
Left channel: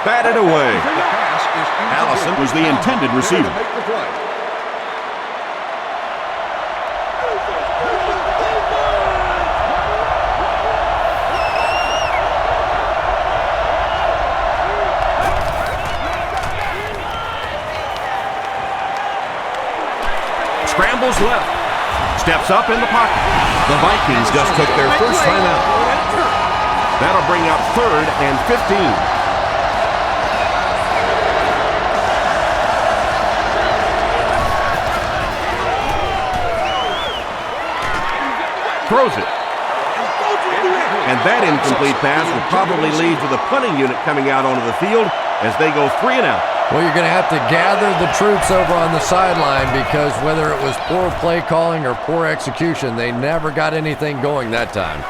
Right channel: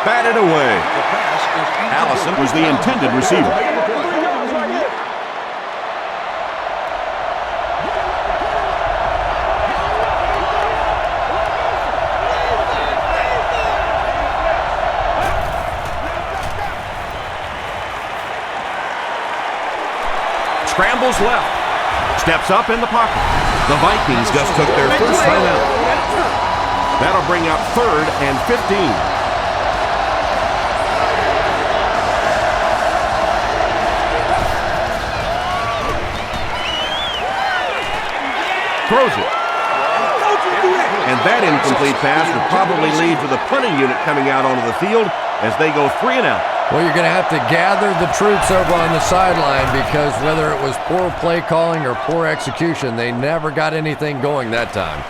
Batted away. The pass is incomplete. Allison was the intended receiver. Make the play. Scrambles left. Steps up in the pocket. The Vikings just took their first time out. That'll bring up 3rd and 15. Throws it. And that incomplete pass will probably lead to the punting unit coming out onto the field as they go 3 and out. Well, you're going to have to gather the troops over on the sideline because whether it was poor play calling or poor execution, they never got anything going that time.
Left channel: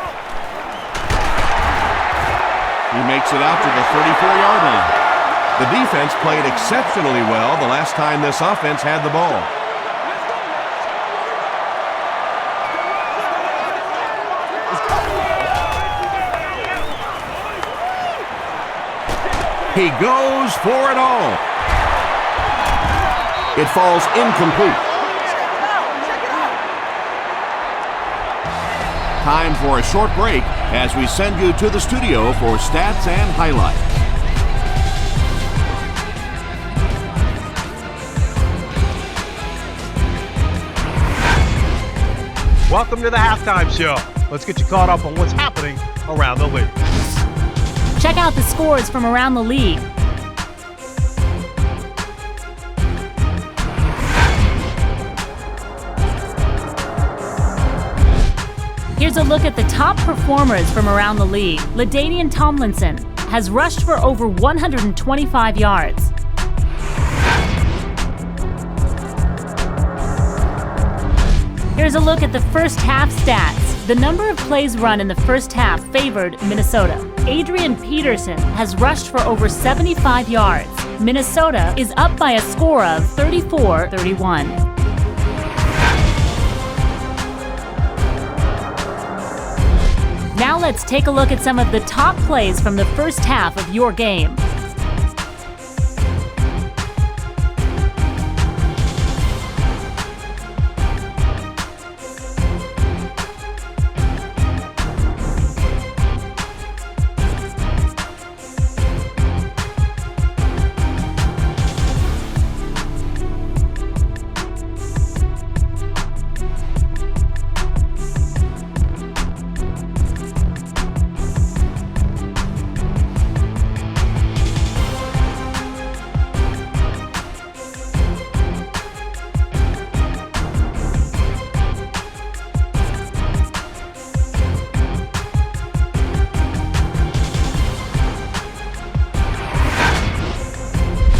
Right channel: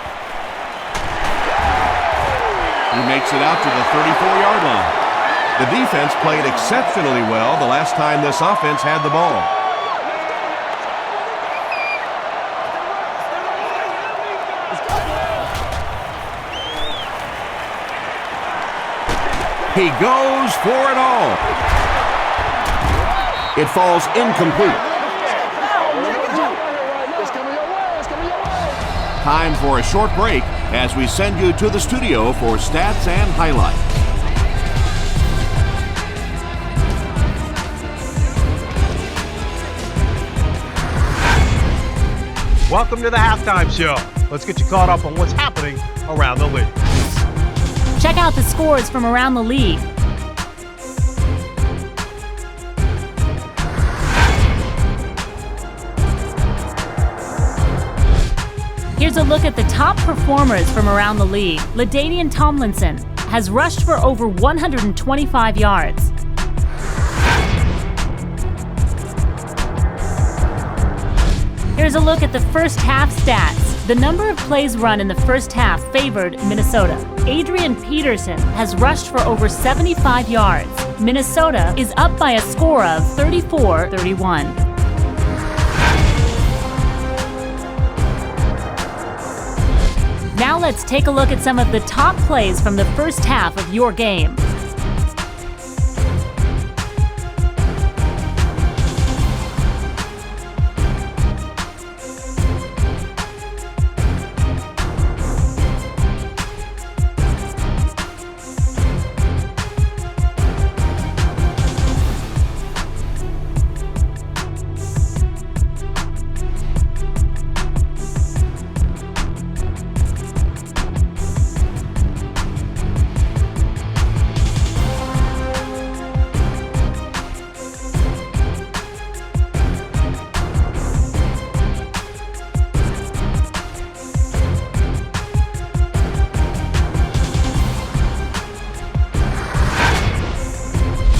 He makes it out to the 34-yard line. The defense played exceptionally well the last time this offense had the ball. He goes for it all. It falls incomplete. Time for a short break as we send you to the studio for stats and highlights. Welcome to the halftime show. Let's get you caught up on what's happening around the league. Check out the scores from around the league. Here's a look at the top performers from around the league. LaDainian Tomlinson has rushed for over 125 yards. Here's a look at the first half stats. The number of plays run in the first half favored Minnesota. Adrian Peterson has rushed for over 75 yards. Minnesota is up by a score of 34-31. Now let's take a look at some of the top plays from the first half of your game.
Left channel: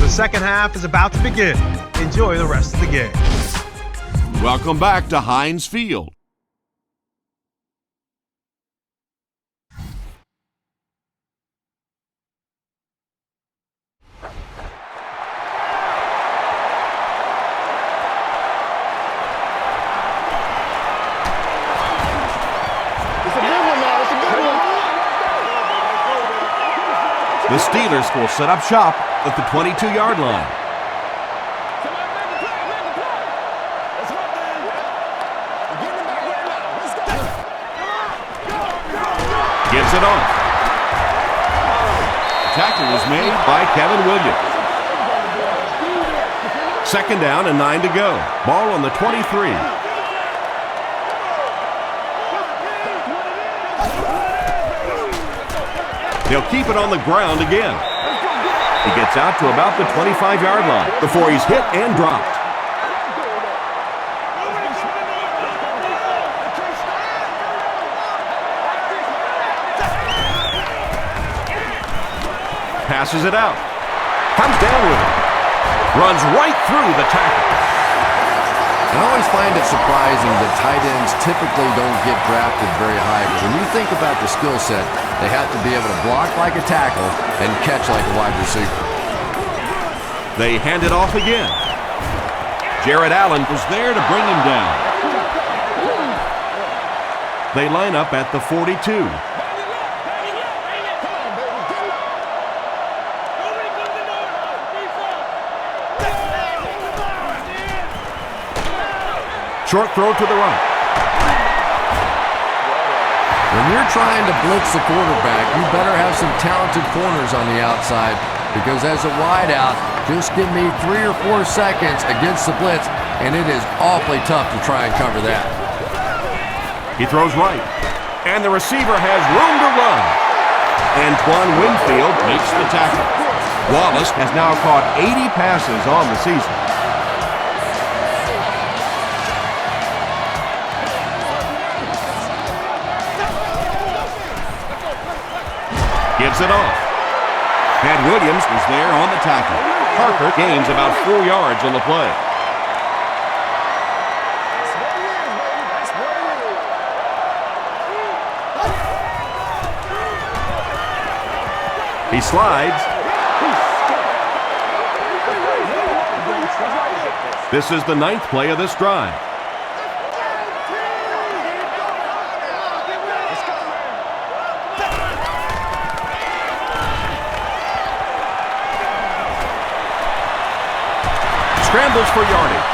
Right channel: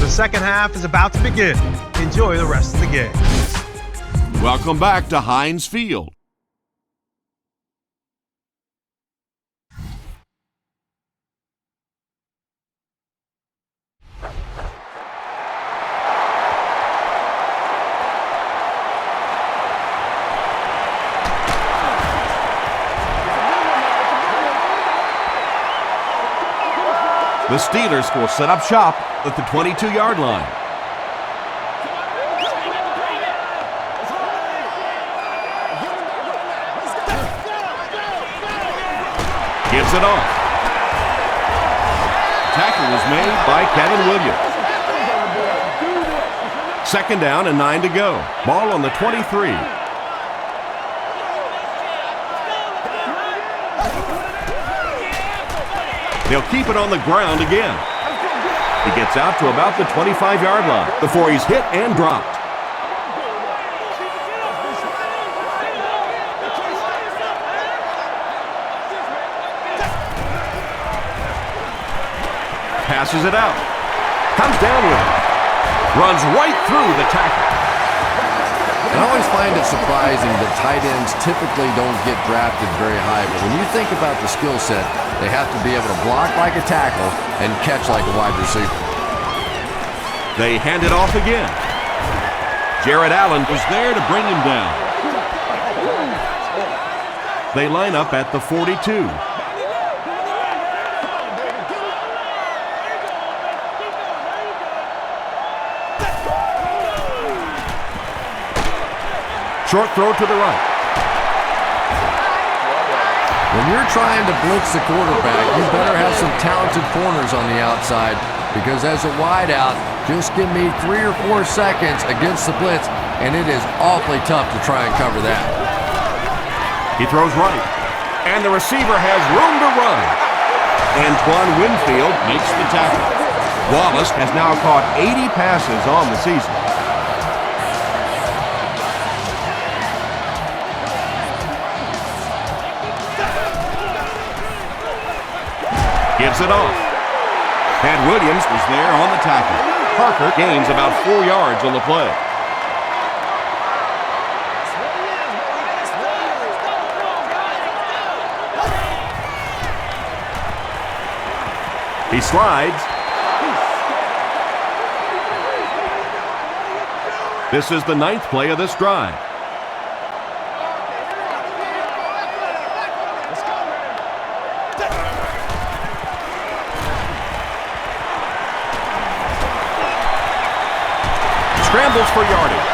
The second half is about to begin. Enjoy the rest of the game. Welcome back to Heinz Field. The Steelers will set up shop at the 22-yard line. Gives it off. Tackle was made by Kevin Williams. Second down and 9 to go. Ball on the 23. They'll keep it on the ground again. He gets out to about the 25-yard line before he's hit and dropped. Passes it out. Comes down with it. Runs right through the tackle. And I always find it surprising that tight ends typically don't get drafted very high, but when you think about the skill set, they have to be able to block like a tackle and catch like a wide receiver. They hand it off again. Jared Allen was there to bring him down. They line up at the 42. Short throw to the right. When you're trying to blitz the quarterback, you better have some talented corners on the outside, because as a wideout, just give me 3 or 4 seconds against the blitz, and it is awfully tough to try and cover that. He throws right, and the receiver has room to run. Antoine Winfield makes the tackle. Wallace has now caught 80 passes on the season. Gives it off. Pat Williams was there on the tackle. Parker gains about 4 yards on the play. He slides. This is the 9th play of this drive. Scrambles for yardage.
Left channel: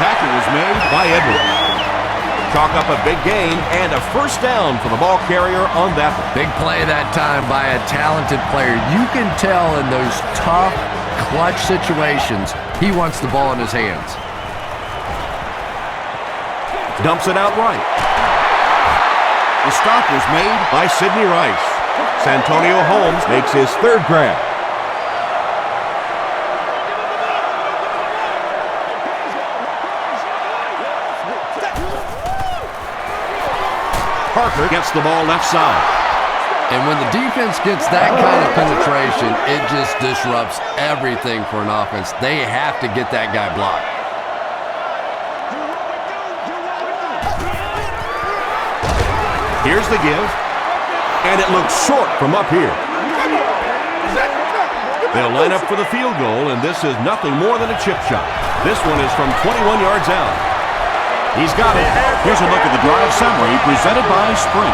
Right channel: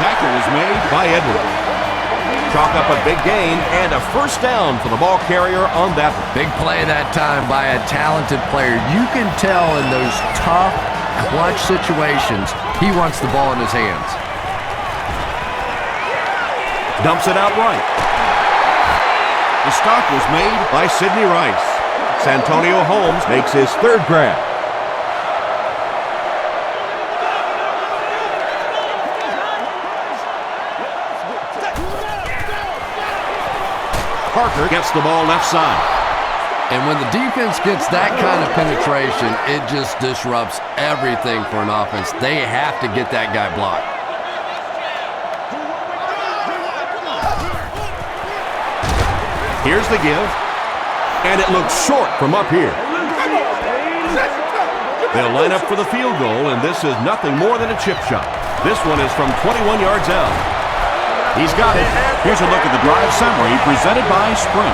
Tackle was made by Edwards. Chalk up a big gain and a first down for the ball carrier on that one. Big play that time by a talented player. You can tell in those tough, clutch situations, he wants the ball in his hands. Dumps it out right. The stop was made by Sidney Rice. Santonio Holmes makes his 3rd grab. Parker gets the ball left side. And when the defense gets that kind of penetration, it just disrupts everything for an offense. They have to get that guy blocked. Here's the give, and it looks short from up here. They'll line up for the field goal, and this is nothing more than a chip shot. This one is from 21 yards out. He's got it. Here's a look at the drive summary presented by Sprint.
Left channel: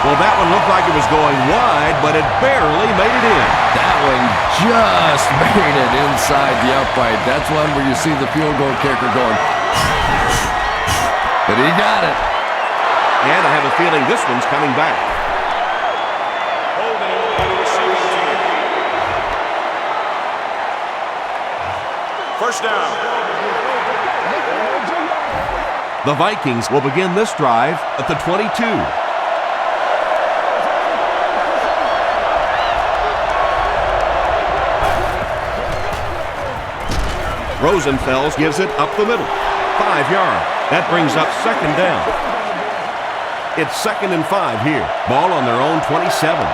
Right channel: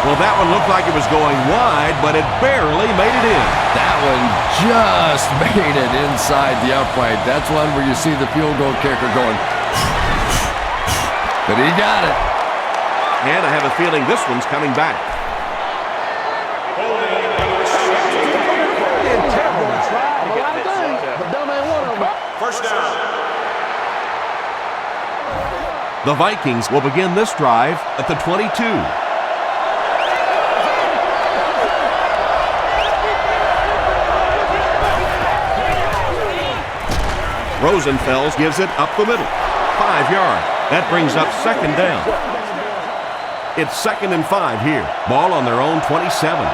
Well, that one looked like it was going wide, but it barely made it in. That one just made it inside the upright. That's one where you see the field goal kicker going, but he got it. And I have a feeling this one's coming back. Holding on the receiving team. First down. The Vikings will begin this drive at the 22. Rosenfels gives it up the middle. 5 yards. That brings up second down. It's 2nd and 5 here. Ball on their own 27.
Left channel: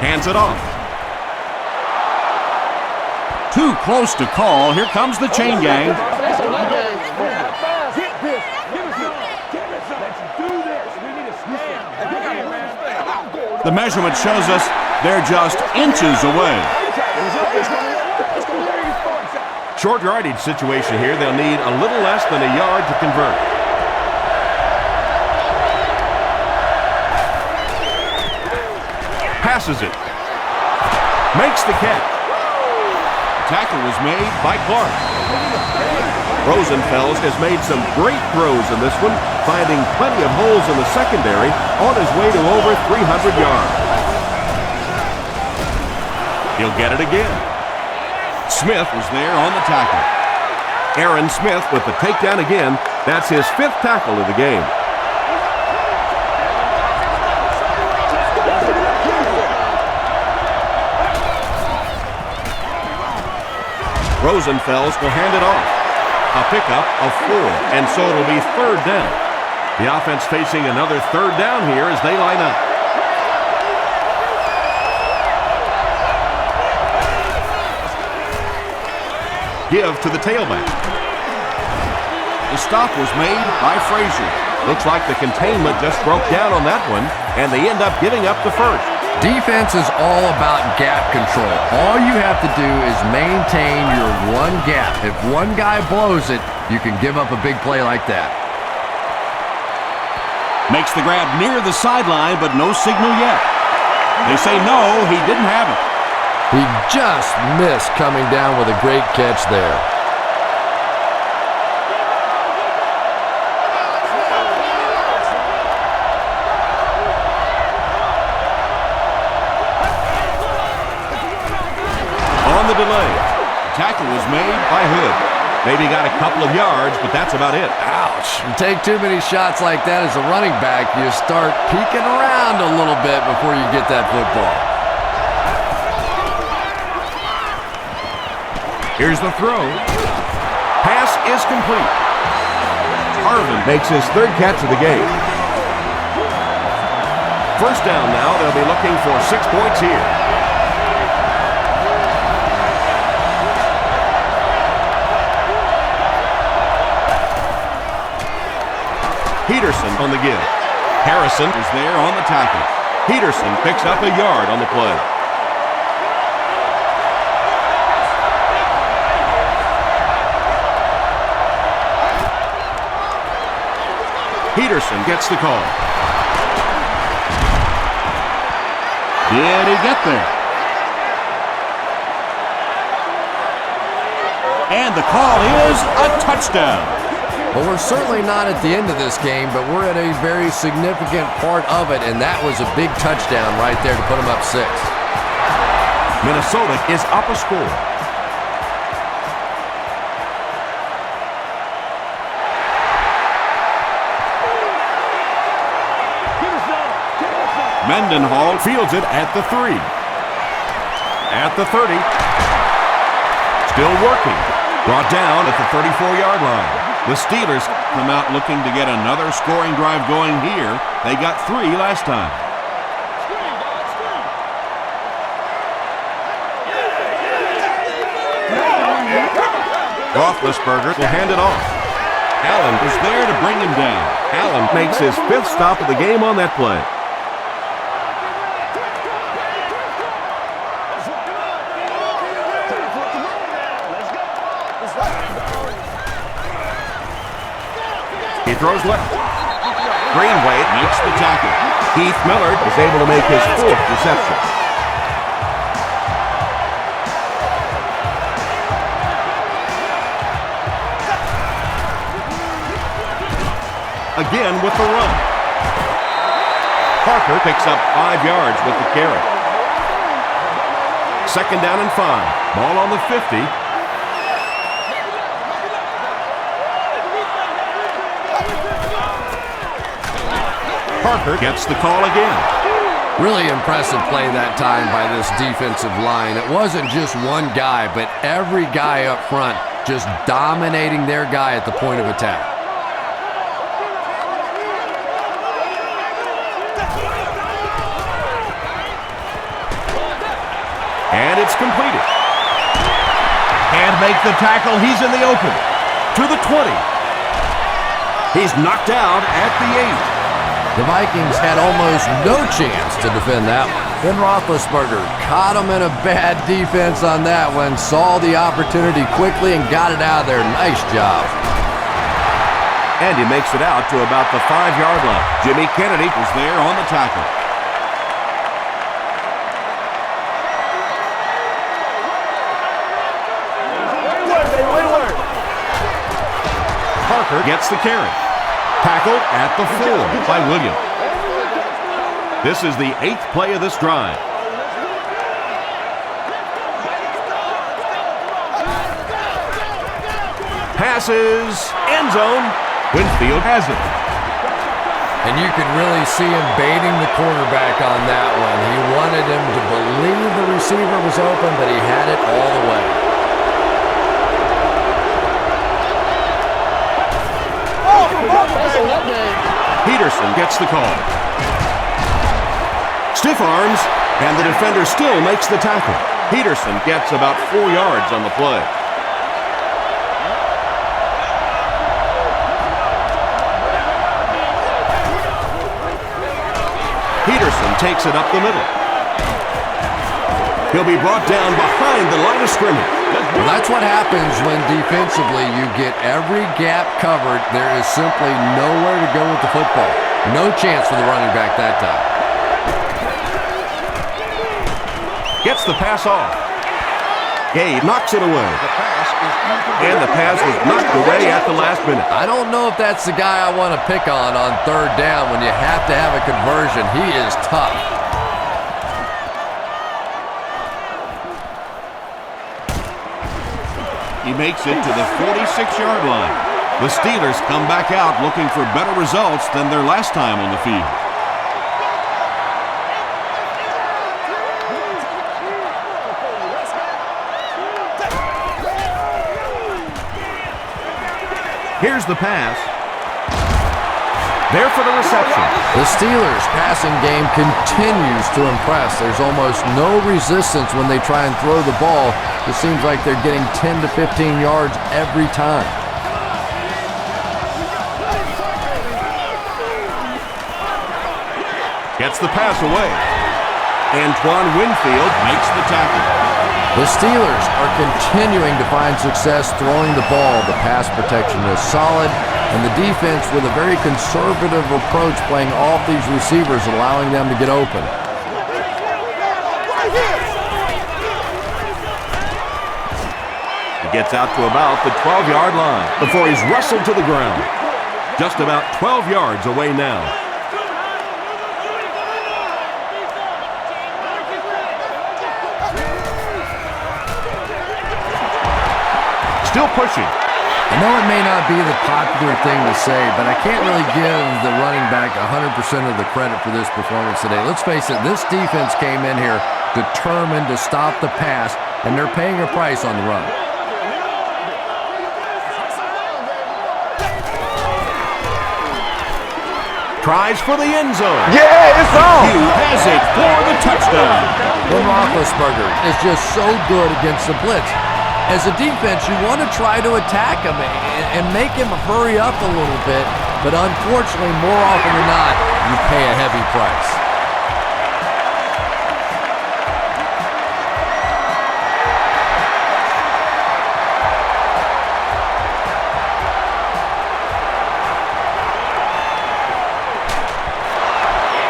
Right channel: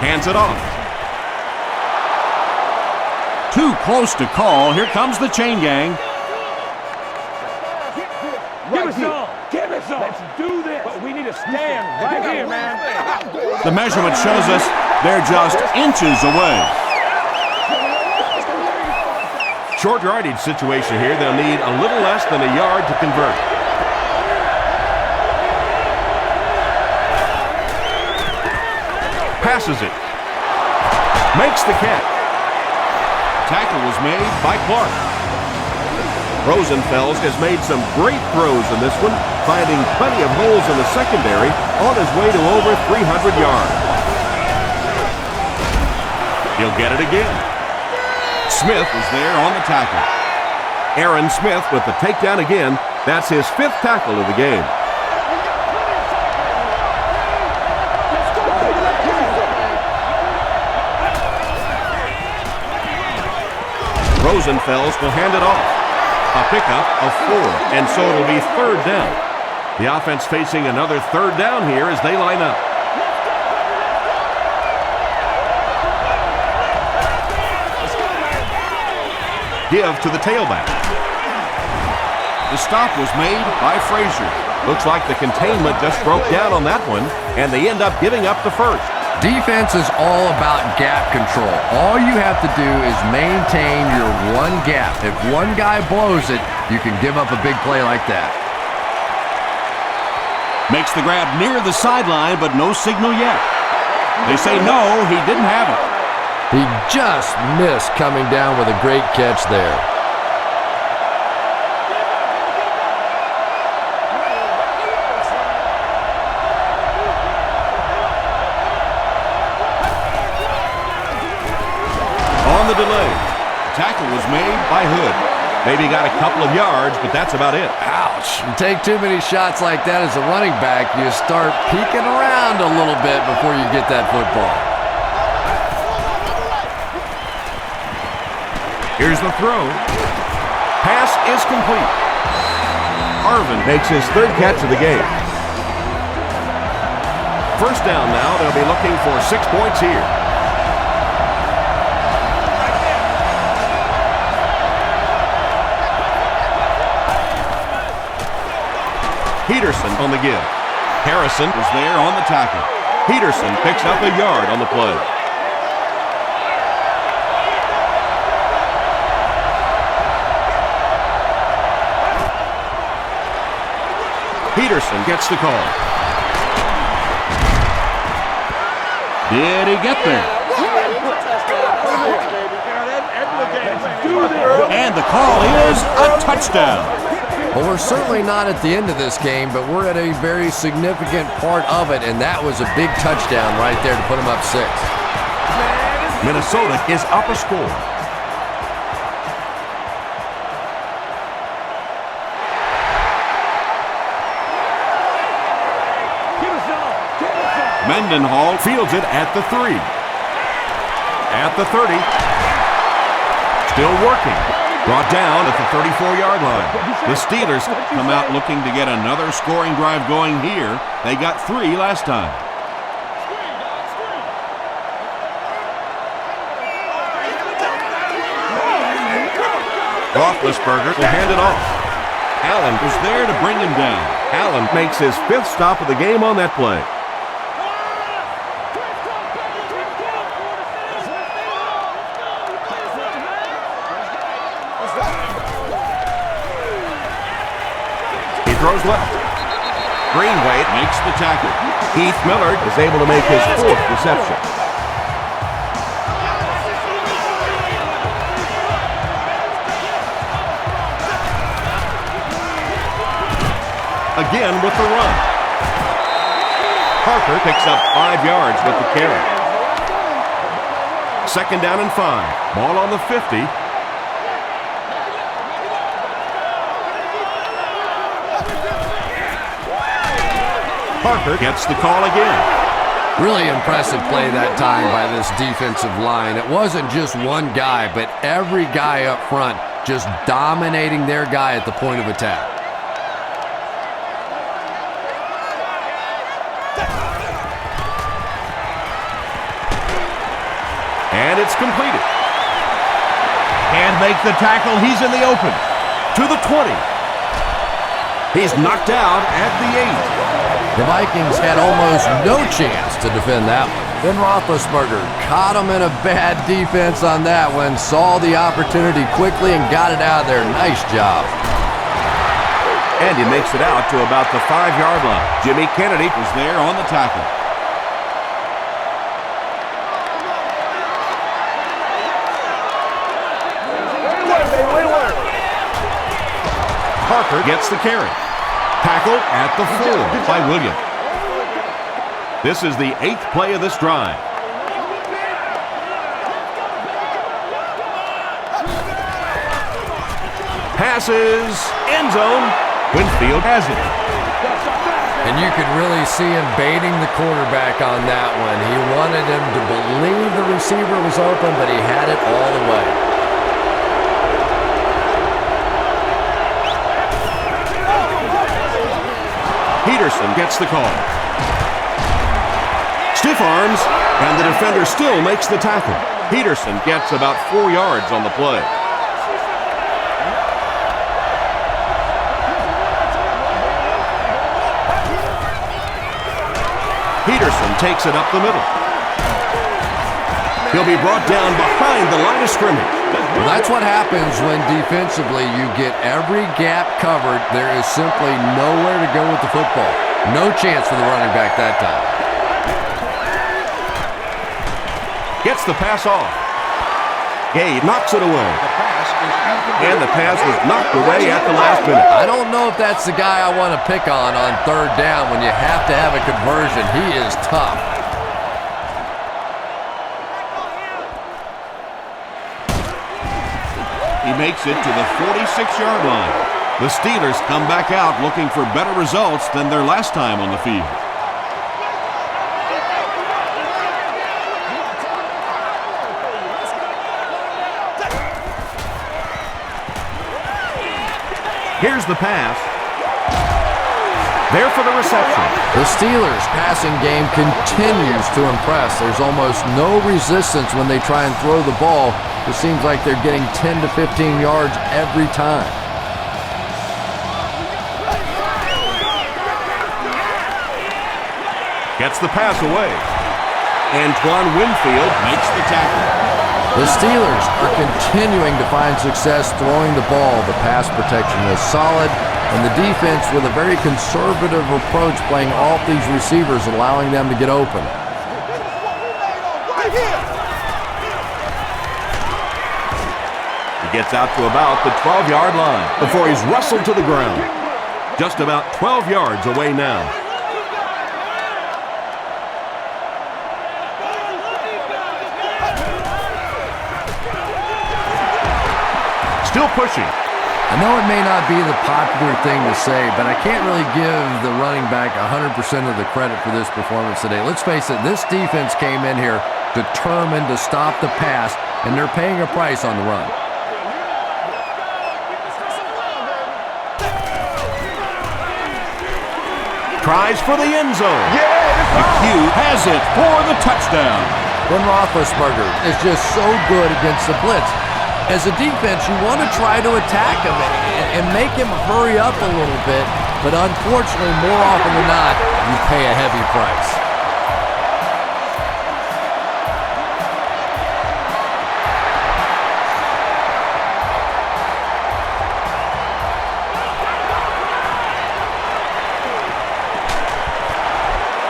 Hands it off. Too close to call. Here comes the chain gang. Give us some. Give us some. Let's do this. But we need to stand right here, man. The measurement shows us they're just inches away. Short yardage situation here. They'll need a little less than a yard to convert. Passes it. Makes the catch. Tackle was made by Clark. Rosenfels has made some great throws in this one, finding plenty of holes in the secondary on his way to over 300 yards. He'll get it again. Smith was there on the tackle. Aaron Smith with the takedown again. That's his 5th tackle of the game. Rosenfels will hand it off. A pickup of 4, and so it'll be 3rd down. The offense facing another 3rd down here as they line up. Give to the tailback. The stop was made by Frazier. Looks like the containment just broke down on that one, and they end up giving up the first. Defense is all about gap control. All you have to do is maintain your one gap. If one guy blows it, you can give up a big play like that. Makes the grab near the sideline, but no signal yet. They say no, he didn't have it. He just missed coming down with a great catch there. On the delay, tackle was made by Hood. Maybe got a couple of yards, but that's about it. Ouch. You take too many shots like that as a running back, you start peeking around a little bit before you get that football. Here's the throw. Pass is complete. Harvin makes his 3rd catch of the game. First down now. They'll be looking for 6 points here. Peterson on the give. Harrison was there on the tackle. Peterson picks up a yard on the play. Peterson gets the call. Did he get there? And the call is a touchdown. Well, we're certainly not at the end of this game, but we're at a very significant part of it, and that was a big touchdown right there to put them up 6. Minnesota is up a score. Mendenhall fields it at the 3. At the 30. Still working. Brought down at the 34-yard line. The Steelers come out looking to get another scoring drive going here. They got 3 last time. Roethlisberger will hand it off. Allen was there to bring him down. Allen makes his 5th stop of the game on that play. He throws left. Greenway makes the tackle. Heath Millard is able to make his 4th reception. Again with the run. Parker picks up 5 yards with the carry. 2nd down and 5. Ball on the 50. Parker gets the call again. Really impressive play that time by this defensive line. It wasn't just one guy, but every guy up front just dominating their guy at the point of attack. And it's completed. Can't make the tackle. He's in the open. To the 20. He's knocked out at the 8. The Vikings had almost no chance to defend that one. Ben Roethlisberger caught him in a bad defense on that one, saw the opportunity quickly and got it out of there. Nice job. And he makes it out to about the 5-yard line. Jimmy Kennedy was there on the tackle. Parker gets the carry. Tackle at the 4 by Williams. This is the 8th play of this drive. Passes, end zone. Winfield has it. And you could really see him baiting the quarterback on that one. He wanted him to believe the receiver was open, but he had it all the way. Peterson gets the call. Stiff arms, and the defender still makes the tackle. Peterson gets about 4 yards on the play. Peterson takes it up the middle. He'll be brought down behind the line of scrimmage. Well, that's what happens when defensively you get every gap covered. There is simply nowhere to go with the football. No chance for the running back that time. Gets the pass off. Gabe knocks it away. The pass is incomplete. And the pass was knocked away at the last minute. I don't know if that's the guy I want to pick on 3rd down when you have to have a conversion. He is tough. He makes it to the 46-yard line. The Steelers come back out looking for better results than their last time on the field. Here's the pass. There for the reception. The Steelers' passing game continues to impress. There's almost no resistance when they try and throw the ball. It seems like they're getting 10 to 15 yards every time. Gets the pass away. Antoine Winfield makes the tackle. The Steelers are continuing to find success throwing the ball. The pass protection is solid, and the defense with a very conservative approach playing off these receivers, allowing them to get open. He gets out to about the 12-yard line before he's wrestled to the ground. Just about 12 yards away now. Still pushing. I know it may not be the popular thing to say, but I can't really give the running back 100% of the credit for this performance today. Let's face it, this defense came in here determined to stop the pass, and they're paying a price on the run. Tries for the end zone. Yeah, it's on. Hugh has it for the touchdown. Ben Roethlisberger is just so good against the blitz. As a defense, you want to try to attack him and make him hurry up a little bit, but unfortunately, more often than not, you pay a heavy price.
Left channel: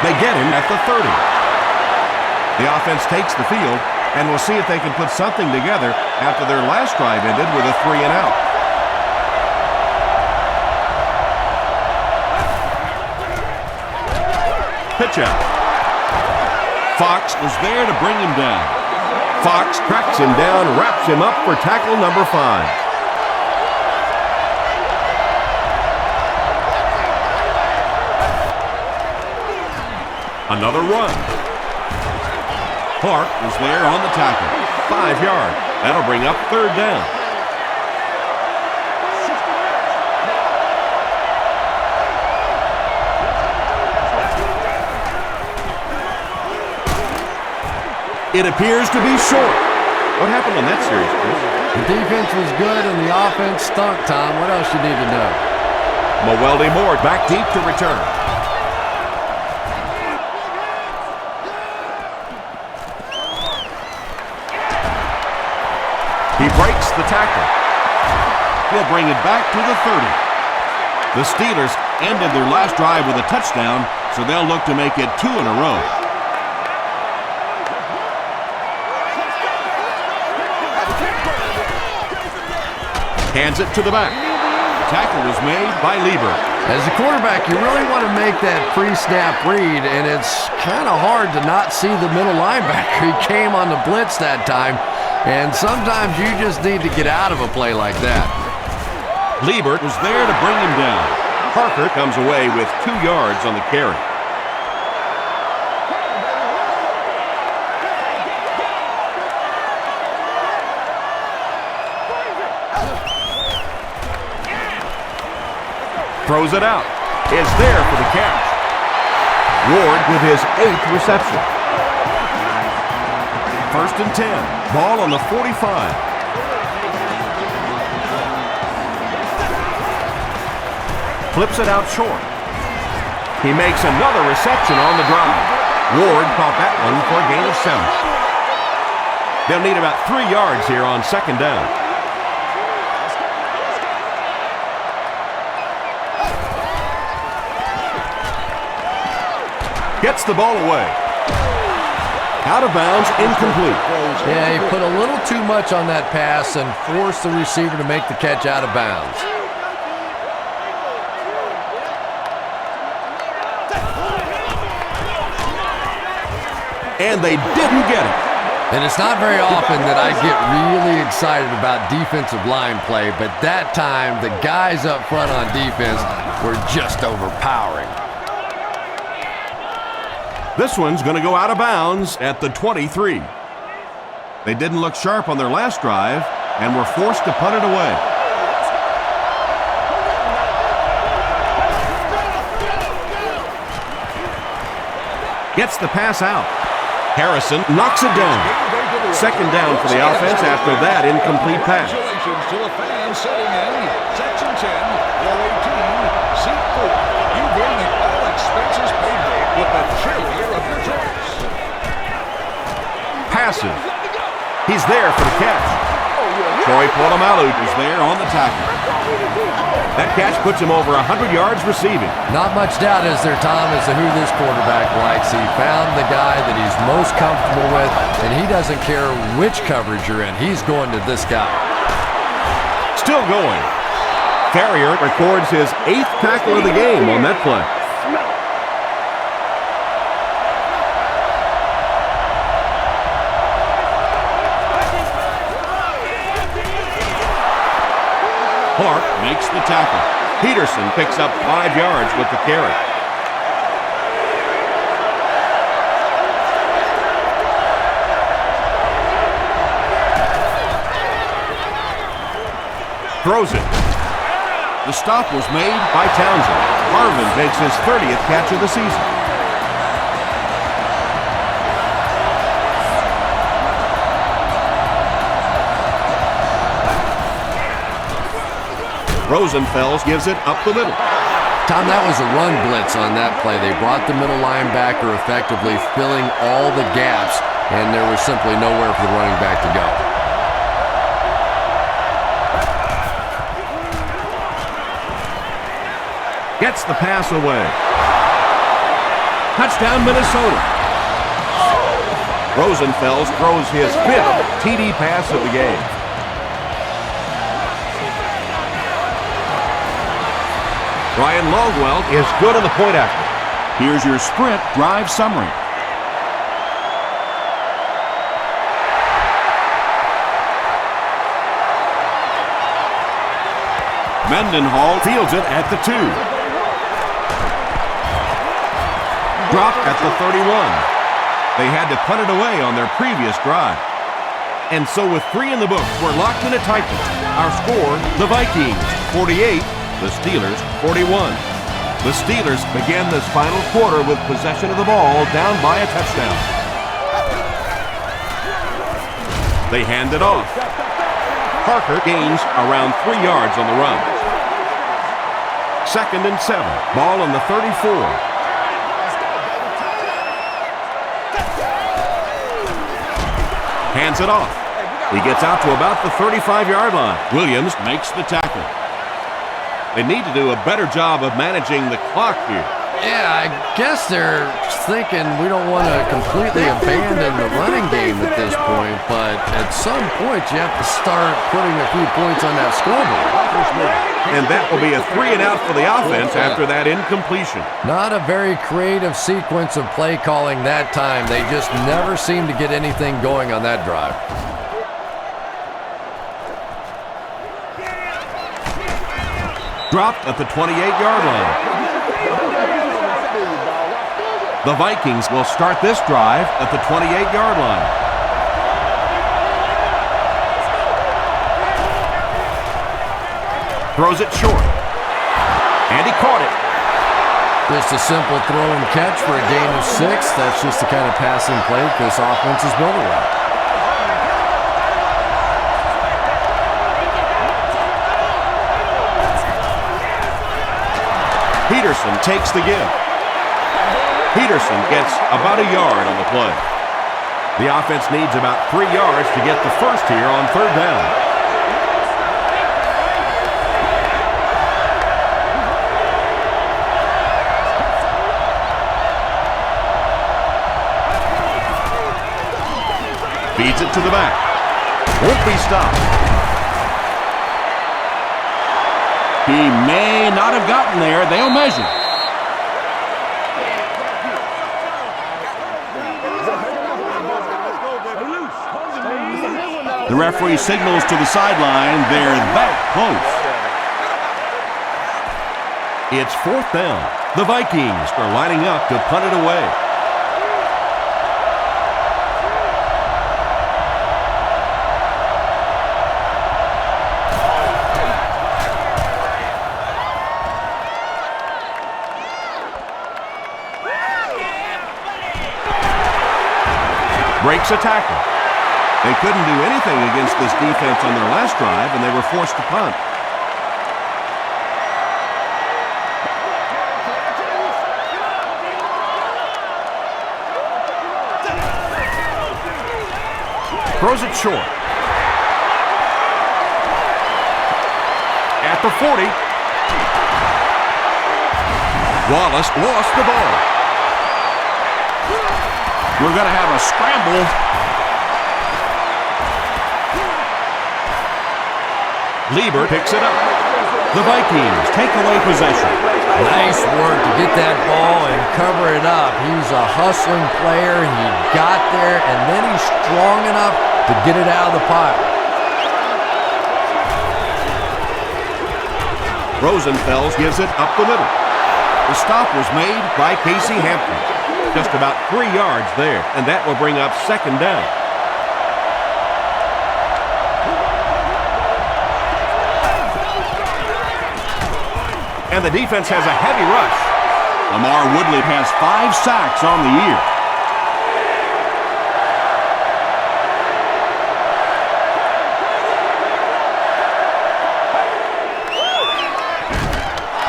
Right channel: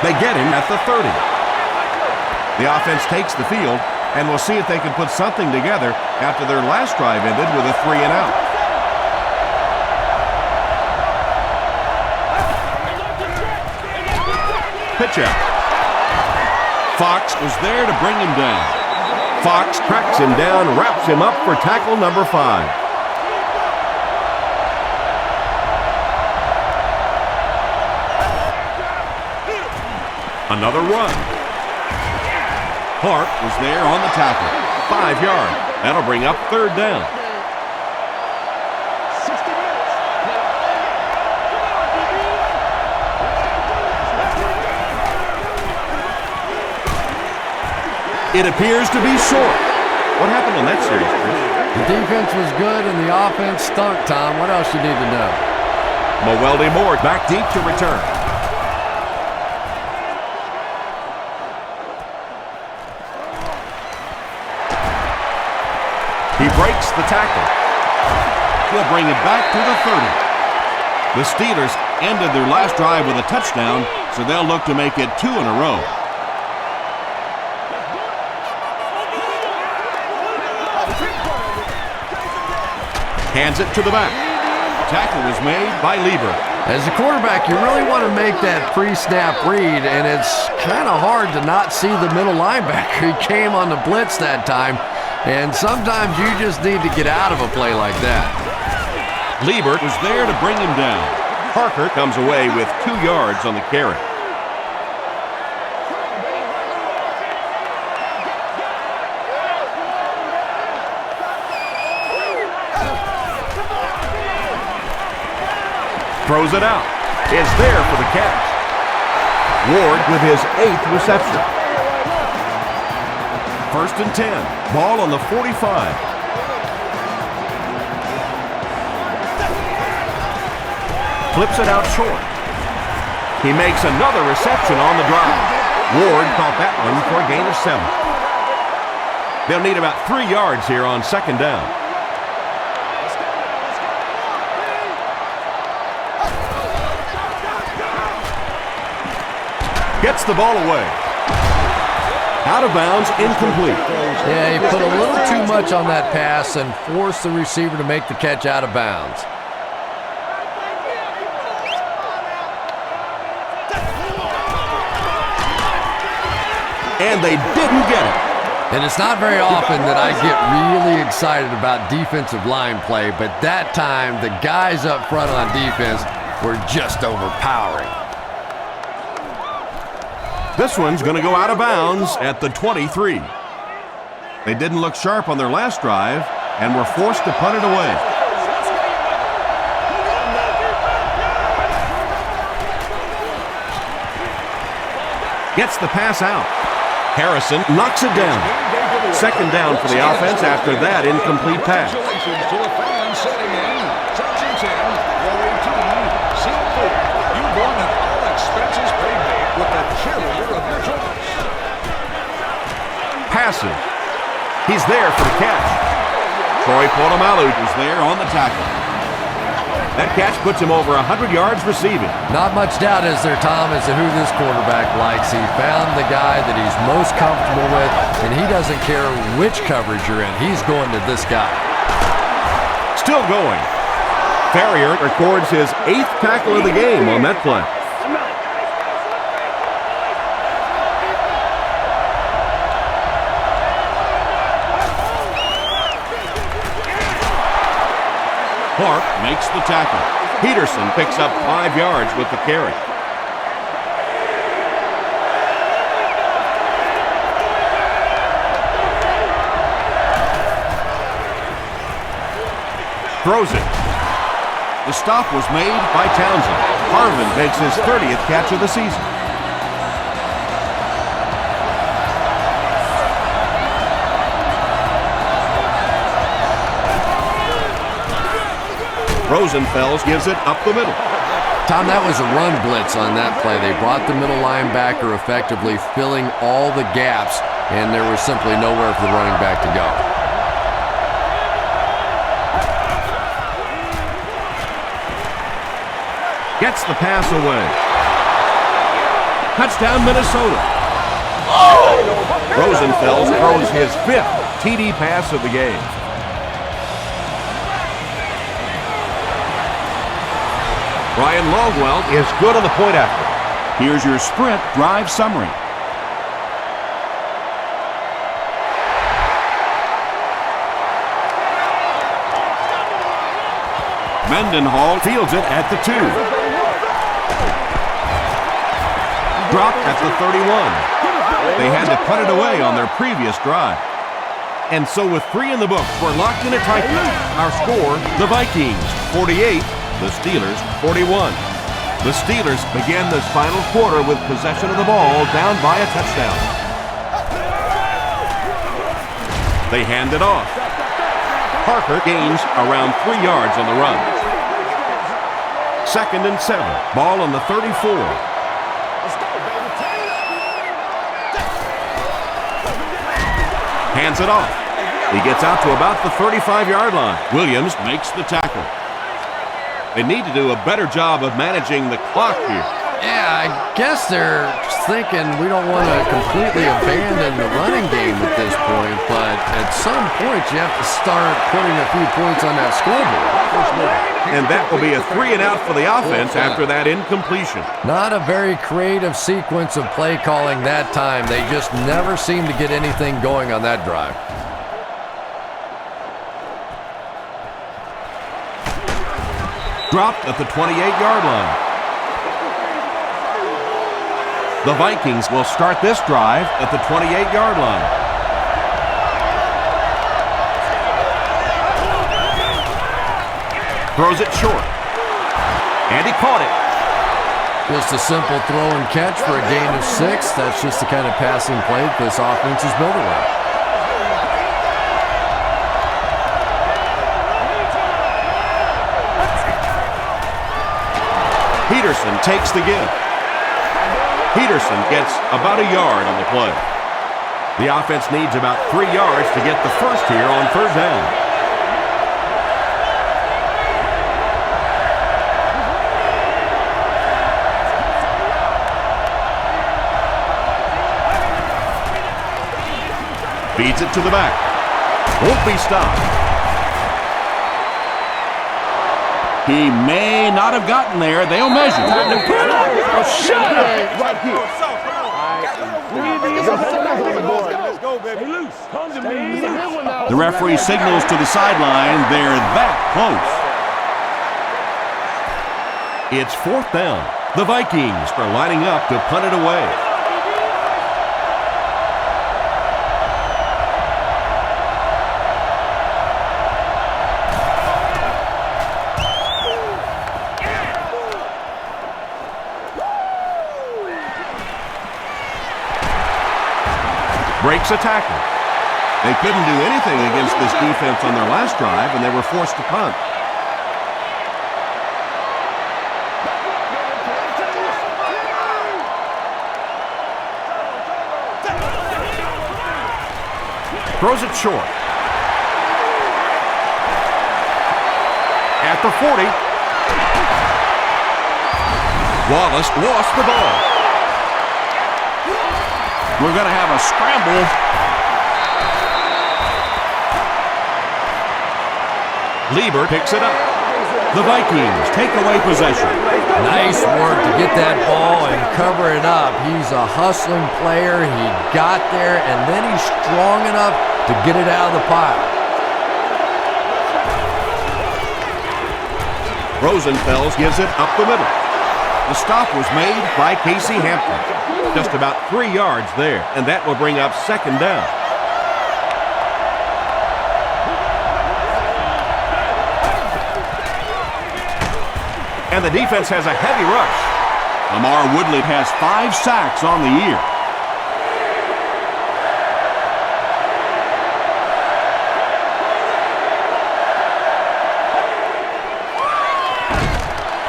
They get him at the 30. The offense takes the field, and we'll see if they can put something together after their last drive ended with a 3-and-out. Pitch out. Fox was there to bring him down. Fox tracks him down, wraps him up for tackle number 5. Another run. Clark was there on the tackle. 5 yards. That'll bring up 3rd down. 60 minutes. It appears to be short. What happened on that series, Chris? The defense was good and the offense stunk, Tom. What else you need to know? Mewelde Moore back deep to return. He breaks the tackle. He'll bring it back to the 30. The Steelers ended their last drive with a touchdown, so they'll look to make it 2 in a row. Hands it to the back. Tackle was made by Lieber. As a quarterback, you really want to make that pre-snap read, and it's kind of hard to not see the middle linebacker. He came on the blitz that time, and sometimes you just need to get out of a play like that. Lieber was there to bring him down. Parker comes away with 2 yards on the carry. Throws it out. Is there for the catch. Ward with his 8th reception. 1st and 10. Ball on the 45. Flips it out short. He makes another reception on the drive. Ward caught that one for a gain of 7. They'll need about 3 yards here on 2nd down. Gets the ball away. Out of bounds, incomplete. Yeah, he put a little too much on that pass and forced the receiver to make the catch out of bounds. And they didn't get it. And it's not very often that I get really excited about defensive line play, but that time the guys up front on defense were just overpowering. This one's going to go out of bounds at the 23. They didn't look sharp on their last drive and were forced to punt it away. Gets the pass out. Harrison knocks it down. 2nd down for the offense after that incomplete pass. Congratulations to the fans sitting in Section 10, Row 18, Seat 4. You've won an all-expenses paid date with the cheerleader of your choice. Passes. He's there for the catch. Troy Polamalu is there on the tackle. That catch puts him over 100 yards receiving. Not much doubt is there, Tom, as to who this quarterback likes. He found the guy that he's most comfortable with, and he doesn't care which coverage you're in. He's going to this guy. Still going. Ferrier records his 8th tackle of the game on that play. Clark makes the tackle. Peterson picks up 5 yards with the carry. Throws it. The stop was made by Townsend. Harvin makes his 30th catch of the season. Rosenfels gives it up the middle. Tom, that was a run blitz on that play. They brought the middle linebacker effectively filling all the gaps, and there was simply nowhere for the running back to go. Gets the pass away. Touchdown, Minnesota. Rosenfels throws his 5th TD pass of the game. Ryan Longwell is good on the point after. Here's your sprint drive summary. Mendenhall fields it at the 2. Dropped at the 31. They had to punt it away on their previous drive. And so with 3 in the books, we're locked in a tight one. Our score, the Vikings 48, the Steelers 41. The Steelers begin this final quarter with possession of the ball down by a touchdown. They hand it off. Parker gains around 3 yards on the run. 2nd and 7. Ball on the 34. Hands it off. He gets out to about the 35-yard line. Williams makes the tackle. They need to do a better job of managing the clock here. Yeah, I guess they're thinking we don't want to completely abandon the running game at this point, but at some point you have to start putting a few points on that scoreboard. And that will be a 3 and out for the offense after that incompletion. Not a very creative sequence of play calling that time. They just never seem to get anything going on that drive. Dropped at the 28-yard line. The Vikings will start this drive at the 28-yard line. Throws it short. And he caught it. Just a simple throw and catch for a gain of 6. That's just the kind of passing play that this offense is built around. Peterson takes the give. Peterson gets about a yard on the play. The offense needs about 3 yards to get the first here on 3rd down. Feeds it to the back. Won't be stopped. He may not have gotten there. They'll measure. The referee signals to the sideline. They're that close. It's 4th down. The Vikings are lining up to punt it away. Breaks a tackle. They couldn't do anything against this defense on their last drive, and they were forced to punt. Throws it short. At the 40. Wallace lost the ball. We're going to have a scramble. Lieber picks it up. The Vikings take away possession. Nice work to get that ball and cover it up. He's a hustling player. He got there, and then he's strong enough to get it out of the pile. Rosenfels gives it up the middle. The stop was made by Casey Hampton. Just about 3 yards there, and that will bring up 2nd down. And the defense has a heavy rush. Lamar Woodley has 5 sacks on the year.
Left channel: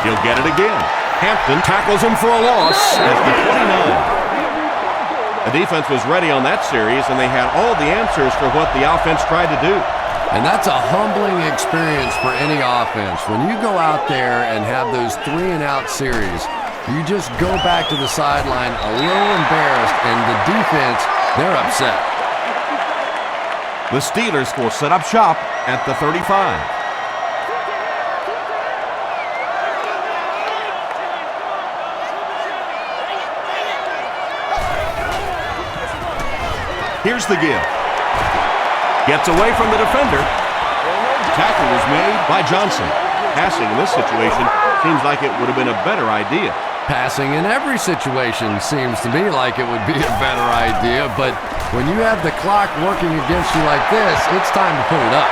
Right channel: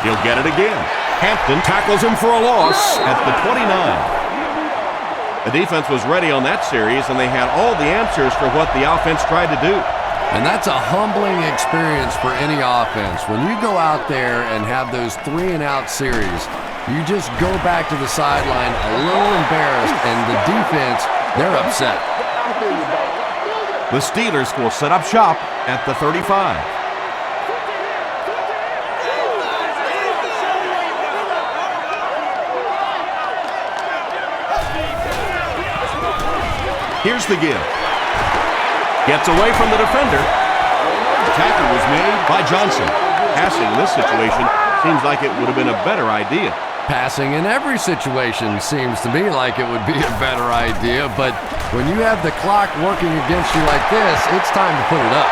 He'll get it again. Hampton tackles him for a loss at the 29. The defense was ready on that series, and they had all the answers for what the offense tried to do. And that's a humbling experience for any offense. When you go out there and have those 3-and-out series, you just go back to the sideline a little embarrassed, and the defense, they're upset. The Steelers will set up shop at the 35. Here's the give. Gets away from the defender. Tackle was made by Johnson. Passing in this situation seems like it would have been a better idea. Passing in every situation seems to me like it would be a better idea, but when you have the clock working against you like this, it's time to put it up.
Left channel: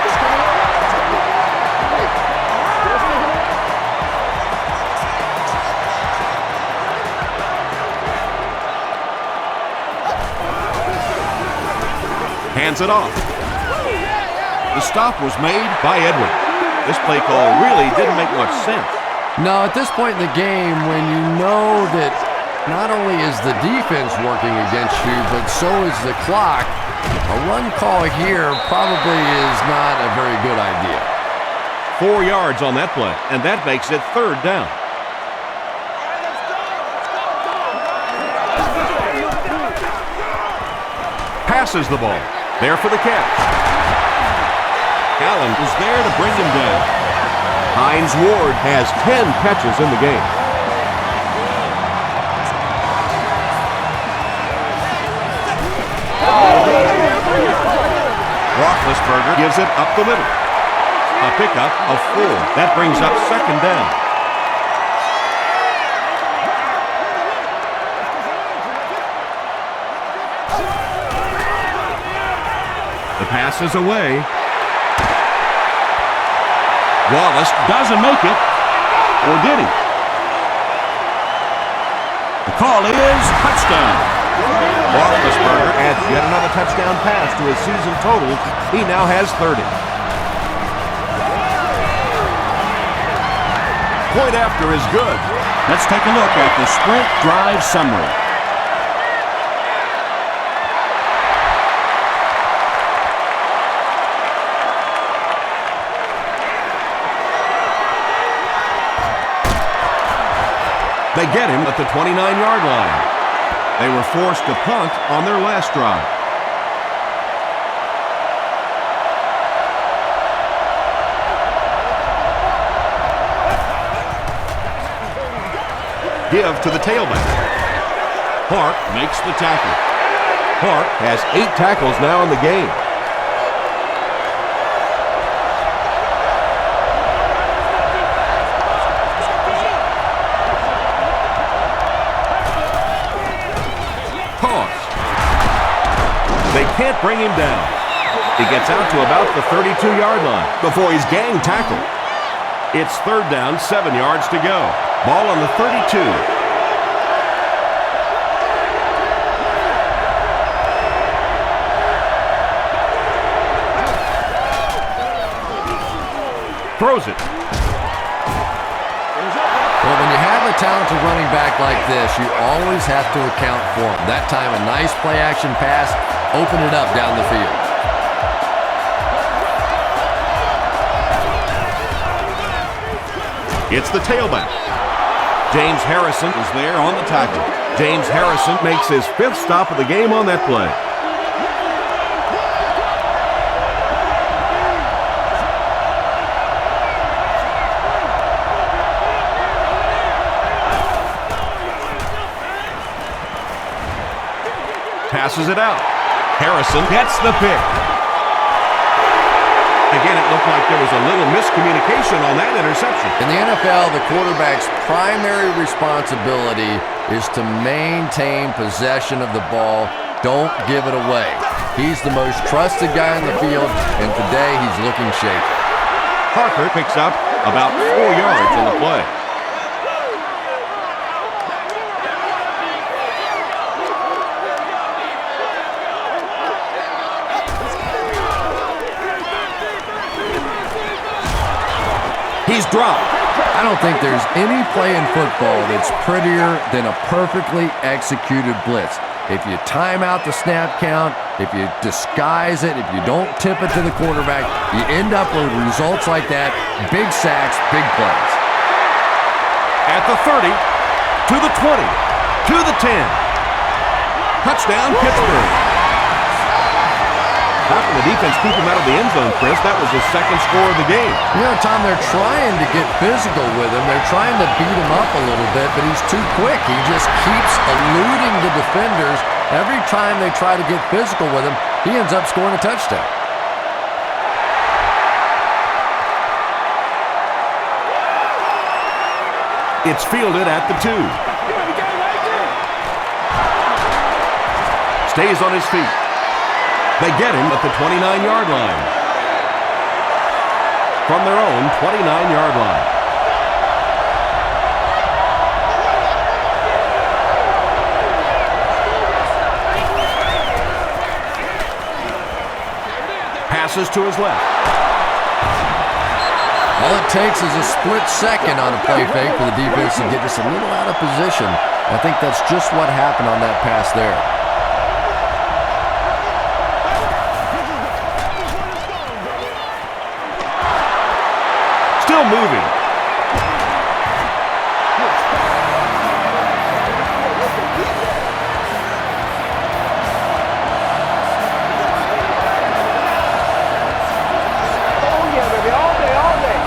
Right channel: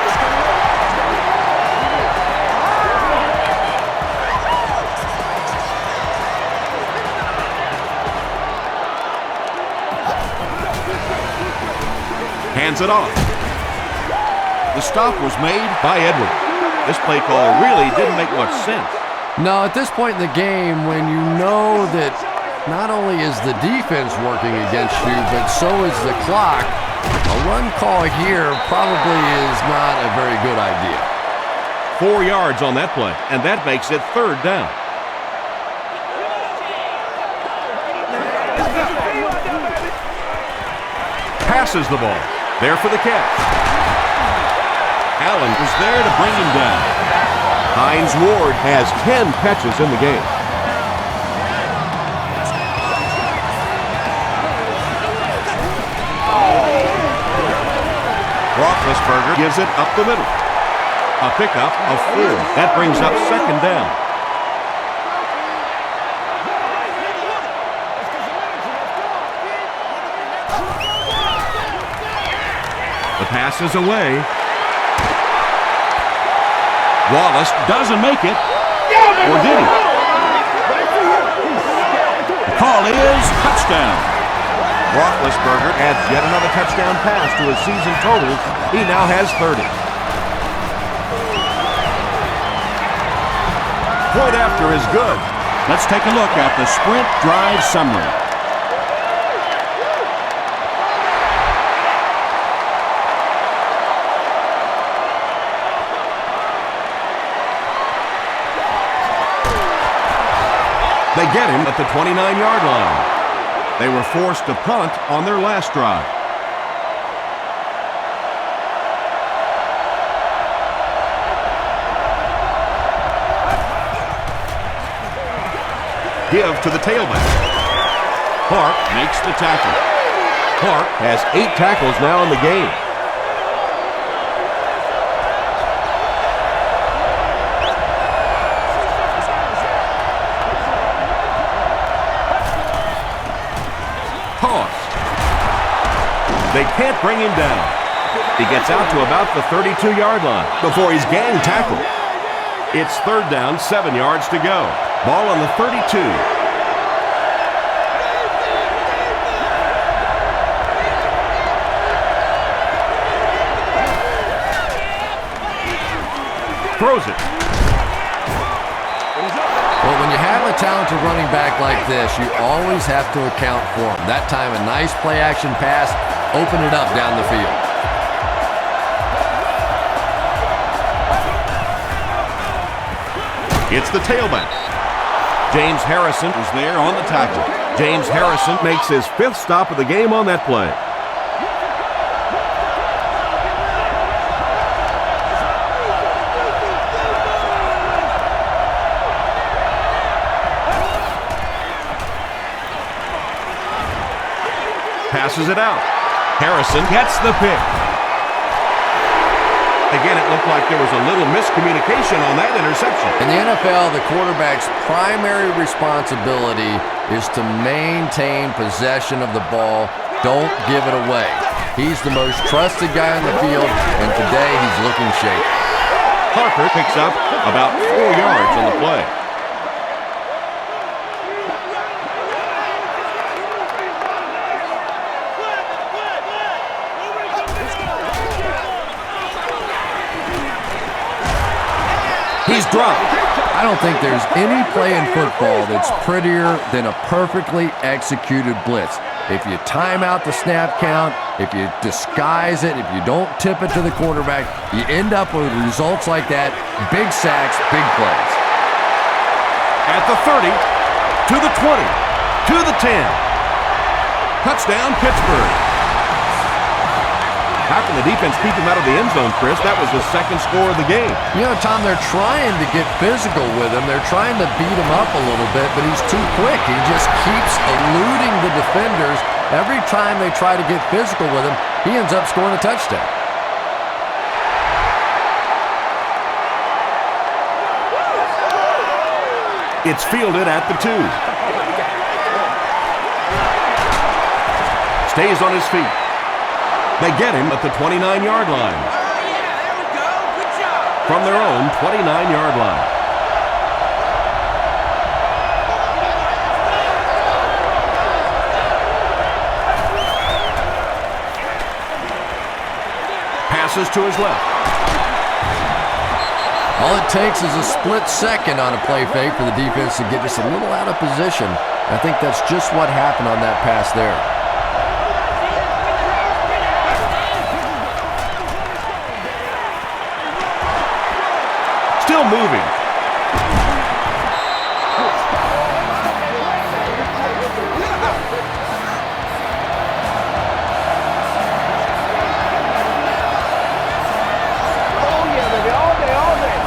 Hands it off. The stop was made by Edwards. This play call really didn't make much sense. No, at this point in the game, when you know that not only is the defense working against you, but so is the clock, a run call here probably is not a very good idea. 4 yards on that play, and that makes it 3rd down. Passes the ball. There for the catch. Allen was there to bring him down. Hines Ward has 10 catches in the game. Roethlisberger gives it up the middle. A pickup of 4. That brings up 2nd down. The pass is away. Wallace doesn't make it. Or did he? The call is touchdown. Roethlisberger adds yet another touchdown pass to his season totals. He now has 30. Point after is good. Let's take a look at the sprint drive summary. They get him at the 29-yard line. They were forced to punt on their last drive. Give to the tailback. Park makes the tackle. Park has 8 tackles now in the game. They can't bring him down. He gets out to about the 32-yard line before he's gang tackled. It's 3rd down, 7 yards to go. Ball on the 32. Throws it. Well, when you have a talented running back like this, you always have to account for him. That time, a nice play-action pass, open it up down the field. It's the tailback. James Harrison was there on the tackle. James Harrison makes his 5th stop of the game on that play. Passes it out. Harrison gets the pick. Again, it looked like there was a little miscommunication on that interception. In the NFL, the quarterback's primary responsibility is to maintain possession of the ball. Don't give it away. He's the most trusted guy on the field, and today he's looking shaky. Parker picks up about 4 yards on the play. He's dropped. I don't think there's any play in football that's prettier than a perfectly executed blitz. If you time out the snap count, if you disguise it, if you don't tip it to the quarterback, you end up with results like that. Big sacks, big plays. At the 30, to the 20, to the 10. Touchdown, Pittsburgh. How can the defense keep him out of the end zone, Chris? That was his 2nd score of the game. You know, Tom, they're trying to get physical with him. They're trying to beat him up a little bit, but he's too quick. He just keeps eluding the defenders. Every time they try to get physical with him, he ends up scoring a touchdown. It's fielded at the 2. Stays on his feet. They get him at the 29-yard line. From their own 29-yard line. Passes to his left. All it takes is a split second on a play fake for the defense to get just a little out of position. I think that's just what happened on that pass there. Still moving. Oh, yeah, baby. All day, all day.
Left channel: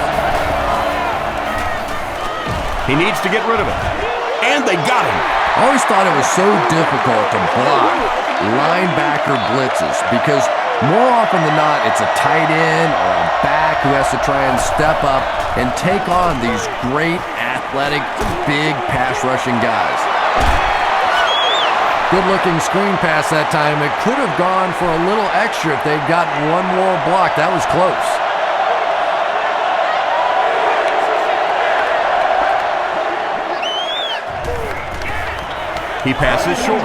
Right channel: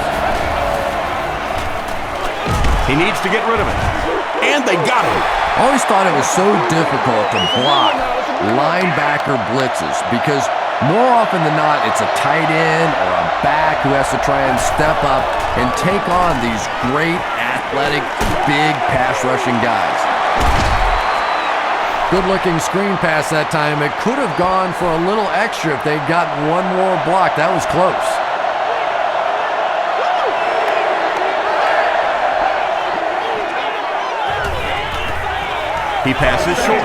He needs to get rid of it. And they got him. I always thought it was so difficult to block linebacker blitzes because more often than not, it's a tight end or a back who has to try and step up and take on these great, athletic, big pass-rushing guys. Good-looking screen pass that time. It could have gone for a little extra if they'd gotten one more block. That was close. He passes short.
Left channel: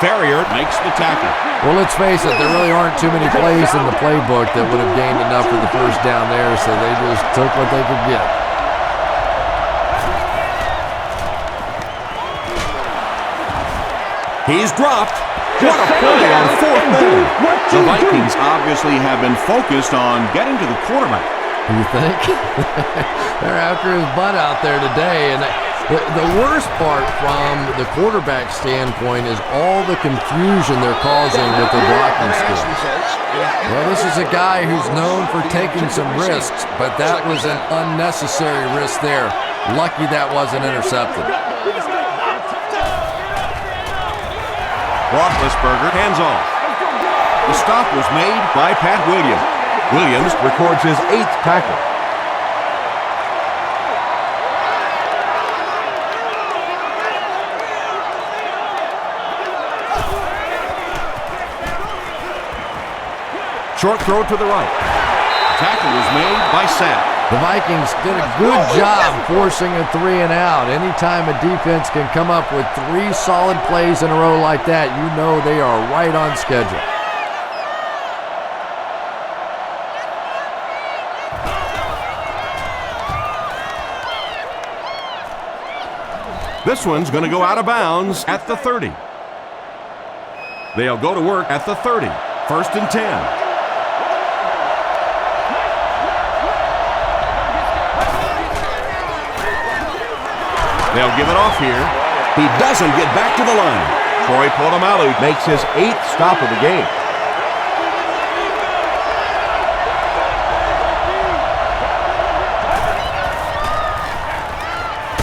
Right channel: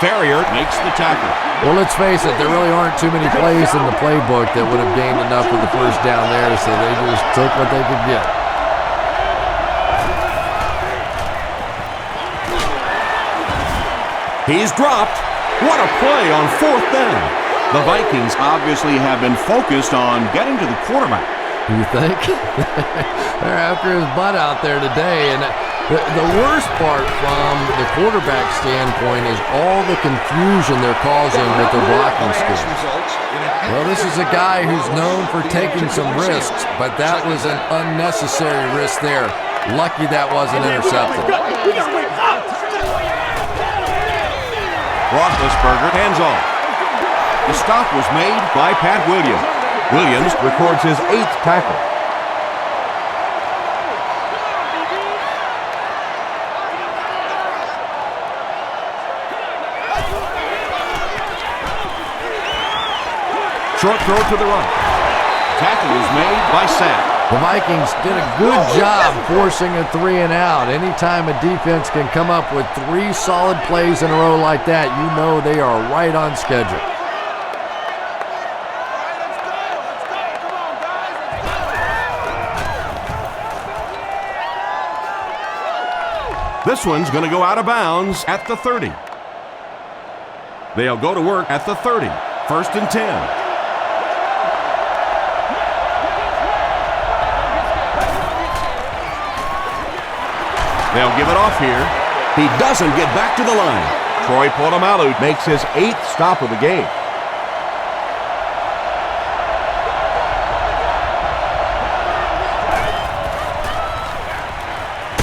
Farrier makes the tackle. Well, let's face it, there really aren't too many plays in the playbook that would have gained enough for the first down there, so they just took what they could get. He's dropped. What a play on fourth down. The Vikings obviously have been focused on getting to the quarterback. You think? They're after his butt out there today, and the worst part from the quarterback standpoint is all the confusion they're causing with their blocking skills. Well, this is a guy who's known for taking some risks, but that was an unnecessary risk there. Lucky that wasn't intercepted. Roethlisberger hands off. The stop was made by Pat Williams. Williams records his 8th tackle. Short throw to the right. Tackle was made by Sapp. The Vikings did a good job forcing a 3-and-out. Anytime a defense can come up with 3 solid plays in a row like that, you know they are right on schedule. This one's going to go out of bounds at the 30. They'll go to work at the 30. 1st and 10. They'll give it off here. He doesn't get back to the line. Troy Polamalu makes his 8th stop of the game.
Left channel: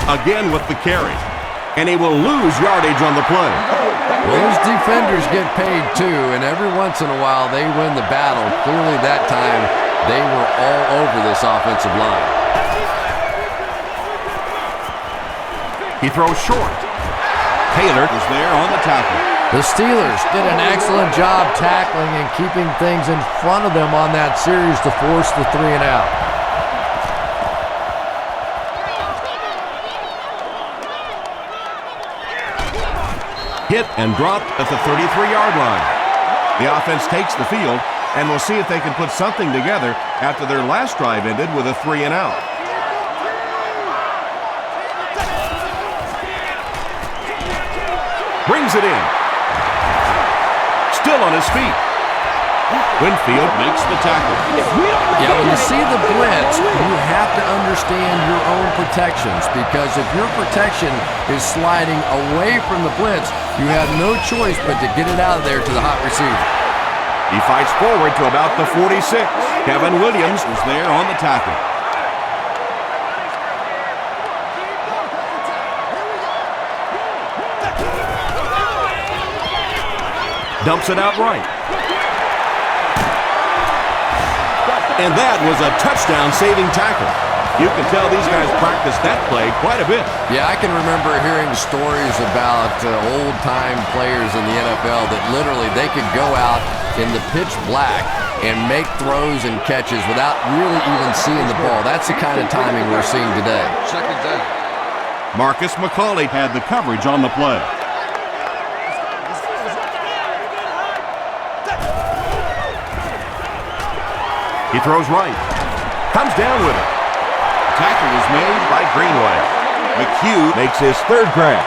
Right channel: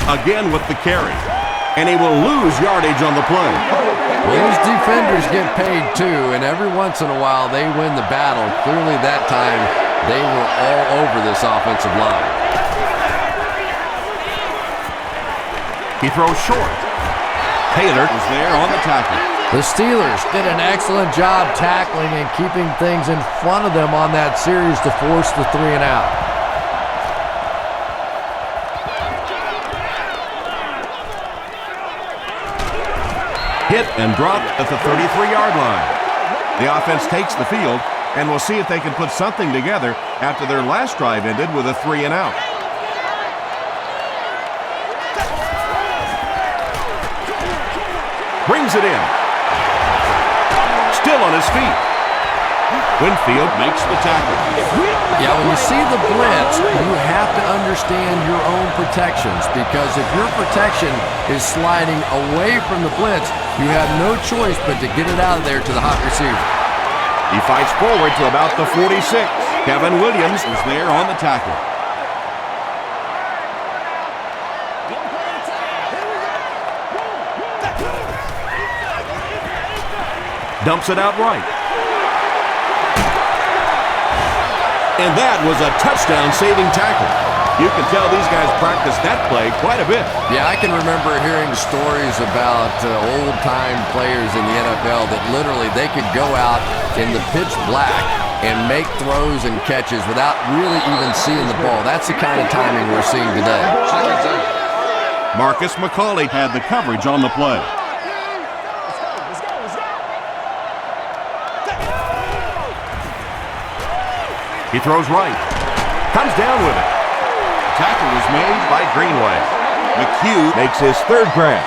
Again with the carry. And he will lose yardage on the play. Well, these defenders get paid too, and every once in a while they win the battle. Clearly that time they were all over this offensive line. He throws short. Taylor was there on the tackle. The Steelers did an excellent job tackling and keeping things in front of them on that series to force the 3-and-out. Hit and dropped at the 33-yard line. The offense takes the field, and we'll see if they can put something together after their last drive ended with a 3-and-out. Brings it in. Still on his feet. Winfield makes the tackle. Yeah, when you see the blitz, you have to understand your own protections, because if your protection is sliding away from the blitz, you have no choice but to get it out of there to the hot receiver. He fights forward to about the 46. Kevin Williams is there on the tackle. Dumps it out right. And that was a touchdown-saving tackle. You can tell these guys practiced that play quite a bit. Yeah, I can remember hearing stories about old-time players in the NFL that literally they could go out in the pitch black and make throws and catches without really even seeing the ball. That's the kind of timing we're seeing today. Marcus McCauley had the coverage on the play. He throws right. Comes down with it. Tackle was made by Greenway. McHugh makes his third grab.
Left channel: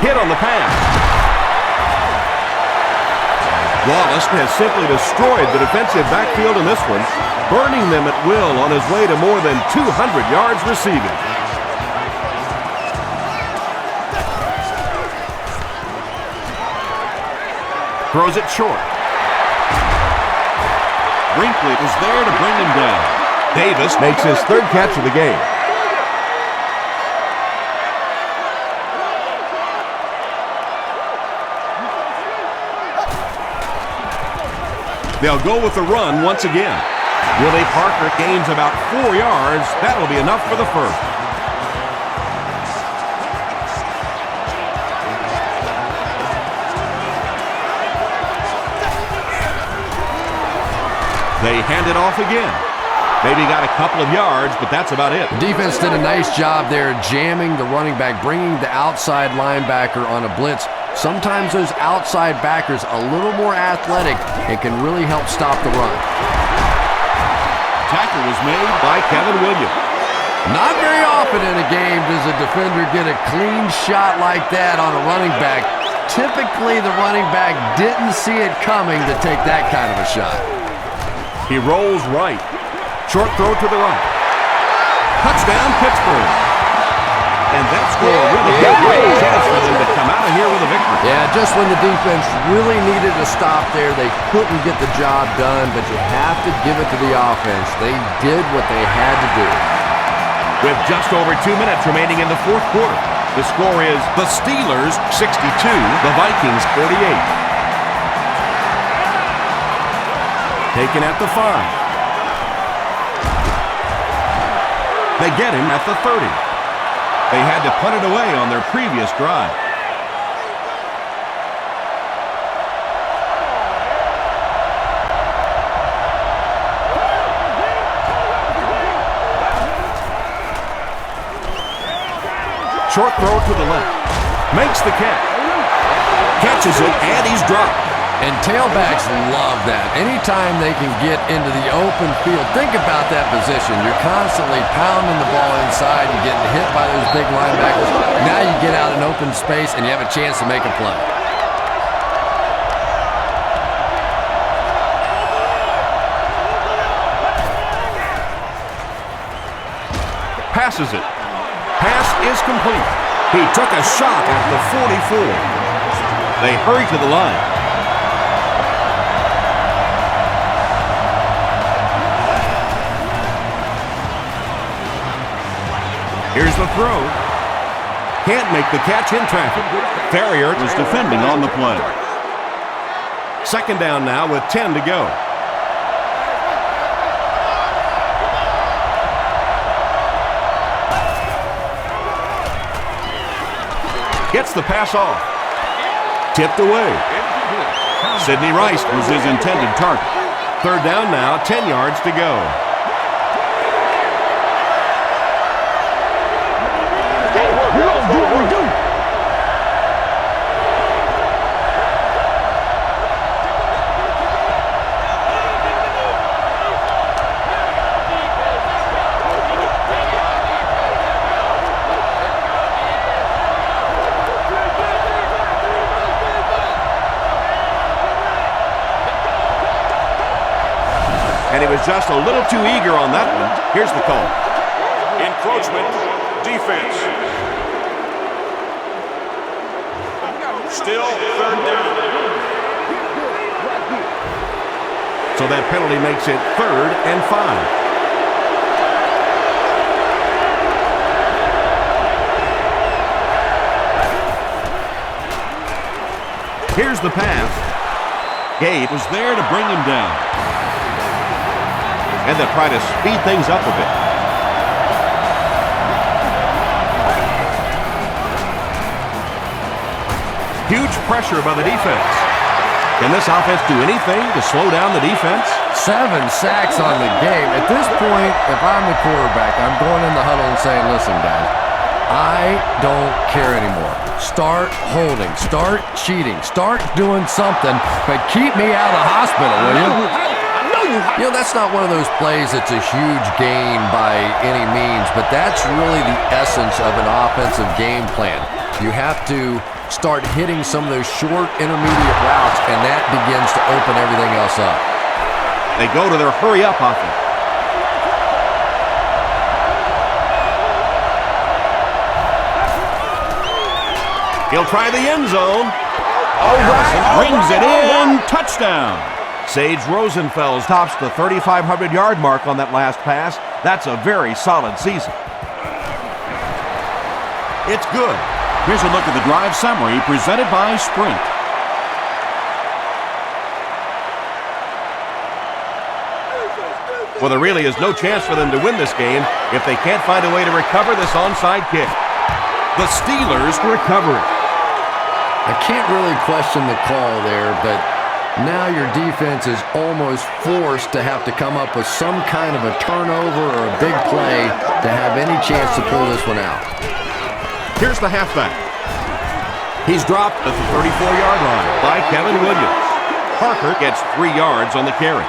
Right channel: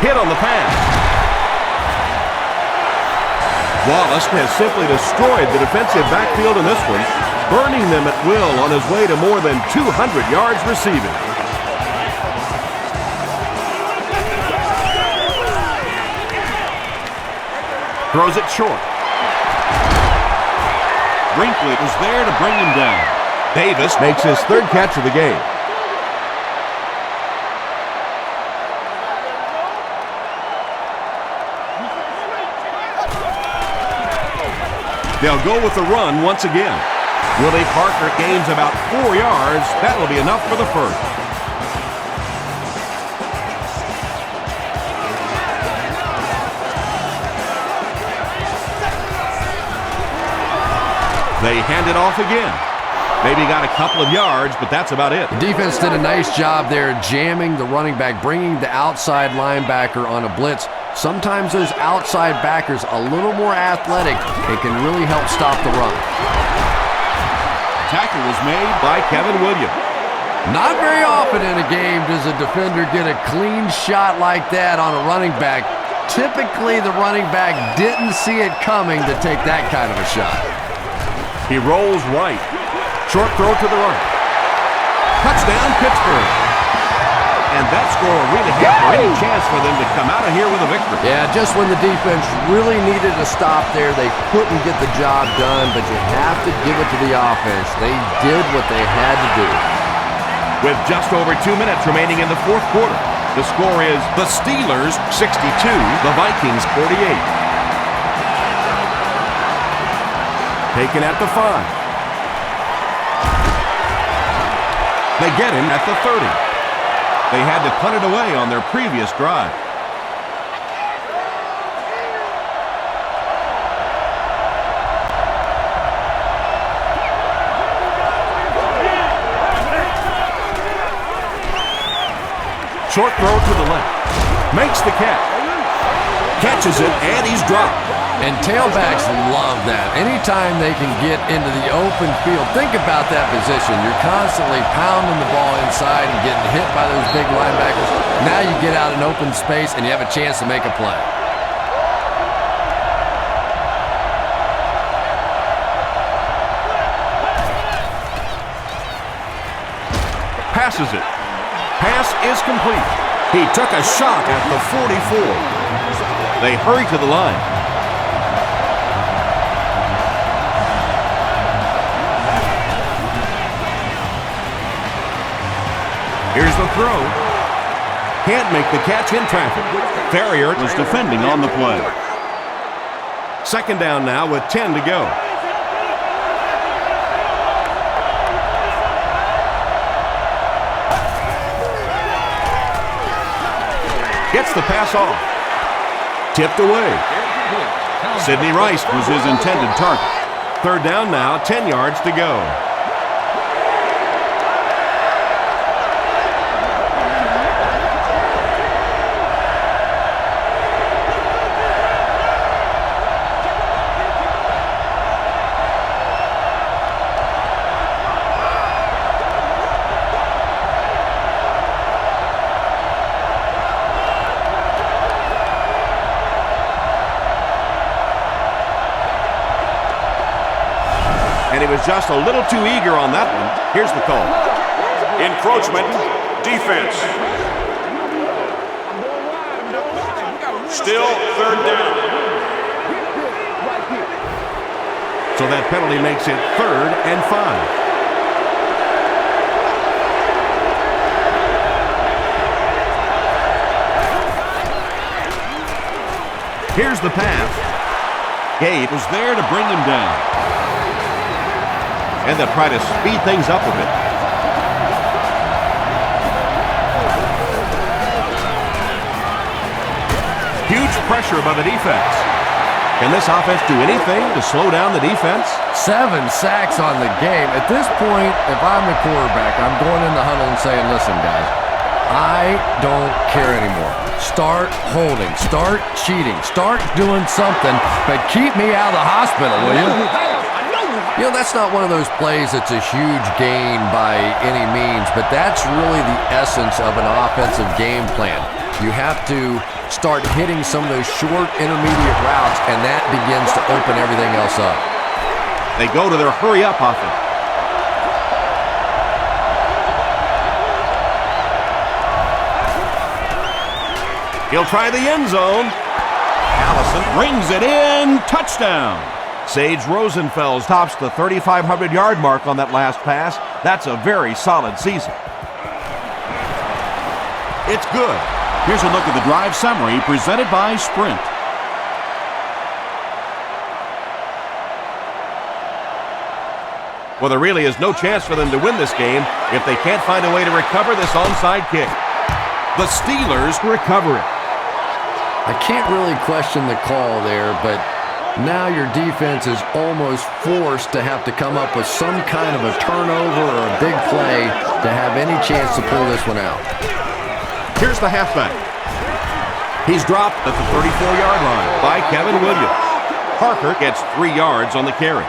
Hit on the pass. Wallace has simply destroyed the defensive backfield in this one, burning them at will on his way to more than 200 yards receiving. Throws it short. Brinkley was there to bring him down. Davis makes his third catch of the game. They'll go with the run once again. Willie Parker gains about 4 yards. That'll be enough for the first. They hand it off again. Maybe got a couple of yards, but that's about it. The defense did a nice job there jamming the running back, bringing the outside linebacker on a blitz. Sometimes those outside backers a little more athletic and can really help stop the run. Tackle was made by Kevin Williams. Not very often in a game does a defender get a clean shot like that on a running back. Typically, the running back didn't see it coming to take that kind of a shot. He rolls right. Short throw to the right. Touchdown, Pittsburgh. And that score really gave any chance for them to come out of here with a victory. Yeah, just when the defense really needed a stop there, they couldn't get the job done, but you have to give it to the offense. They did what they had to do. With just over 2 minutes remaining in the fourth quarter, the score is the Steelers 62, the Vikings 48. Taken at the 5. They get him at the 30. They had to punt it away on their previous drive. Short throw to the left. Makes the catch. Catches it, and he's dropped. And tailbacks love that. Anytime they can get into the open field, think about that position. You're constantly pounding the ball inside and getting hit by those big linebackers. Now you get out in open space and you have a chance to make a play. Passes it. Pass is complete. He took a shot at the 44. They hurry to the line. Here's the throw. Can't make the catch in traffic. Ferrier was defending on the play. Second down now with 10 to go. Gets the pass off. Tipped away. Sidney Rice was his intended target. Third down now, 10 yards to go. And he was just a little too eager on that one. Here's the call. Encroachment, defense. Still third down. So that penalty makes it 3rd and 5. Here's the pass. Gate was there to bring him down. And they'll try to speed things up a bit. Huge pressure by the defense. Can this offense do anything to slow down the defense? 7 sacks on the game. At this point, if I'm the quarterback, I'm going in the huddle and saying, listen, guys, I don't care anymore. Start holding, start cheating, start doing something, but keep me out of the hospital, will you? You know, that's not one of those plays that's a huge gain by any means, but that's really the essence of an offensive game plan. You have to start hitting some of those short intermediate routes, and that begins to open everything else up. They go to their hurry-up offense. He'll try the end zone. Allison brings it in. Touchdown. Sage Rosenfels tops the 3,500-yard mark on that last pass. That's a very solid season. It's good. Here's a look at the drive summary presented by Sprint. Well, there really is no chance for them to win this game if they can't find a way to recover this onside kick. The Steelers recover it. I can't really question the call there, but now your defense is almost forced to have to come up with some kind of a turnover or a big play to have any chance to pull this one out. Here's the halfback. He's dropped at the 34-yard line by Kevin Williams. Parker gets 3 yards on the carry.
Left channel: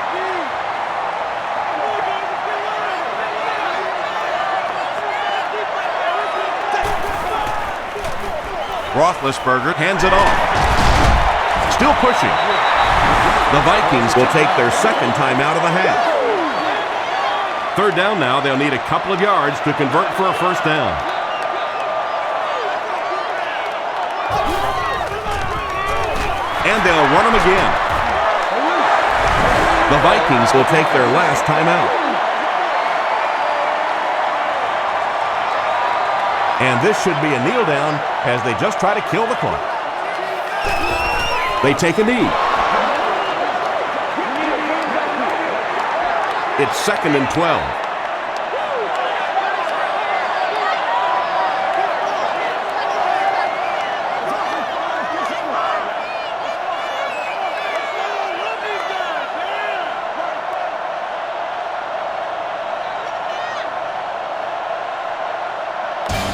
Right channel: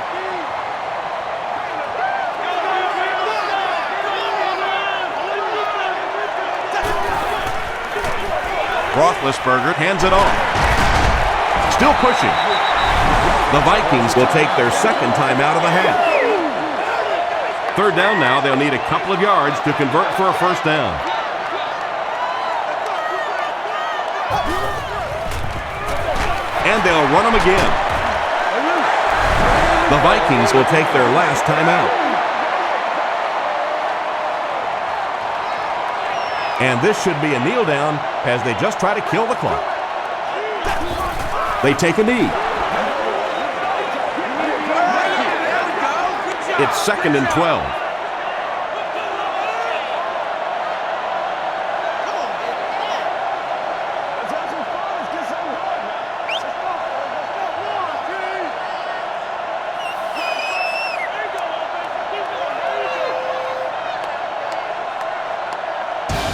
Roethlisberger hands it off. Still pushing. The Vikings will take their second time out of the half. 3rd down now. They'll need a couple of yards to convert for a first down. And they'll run them again. The Vikings will take their last time out. And this should be a kneel down as they just try to kill the clock. They take a knee. It's 2nd and 12.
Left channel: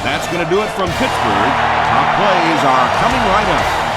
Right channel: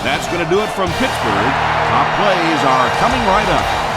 That's going to do it from Pittsburgh. Top plays are coming right up.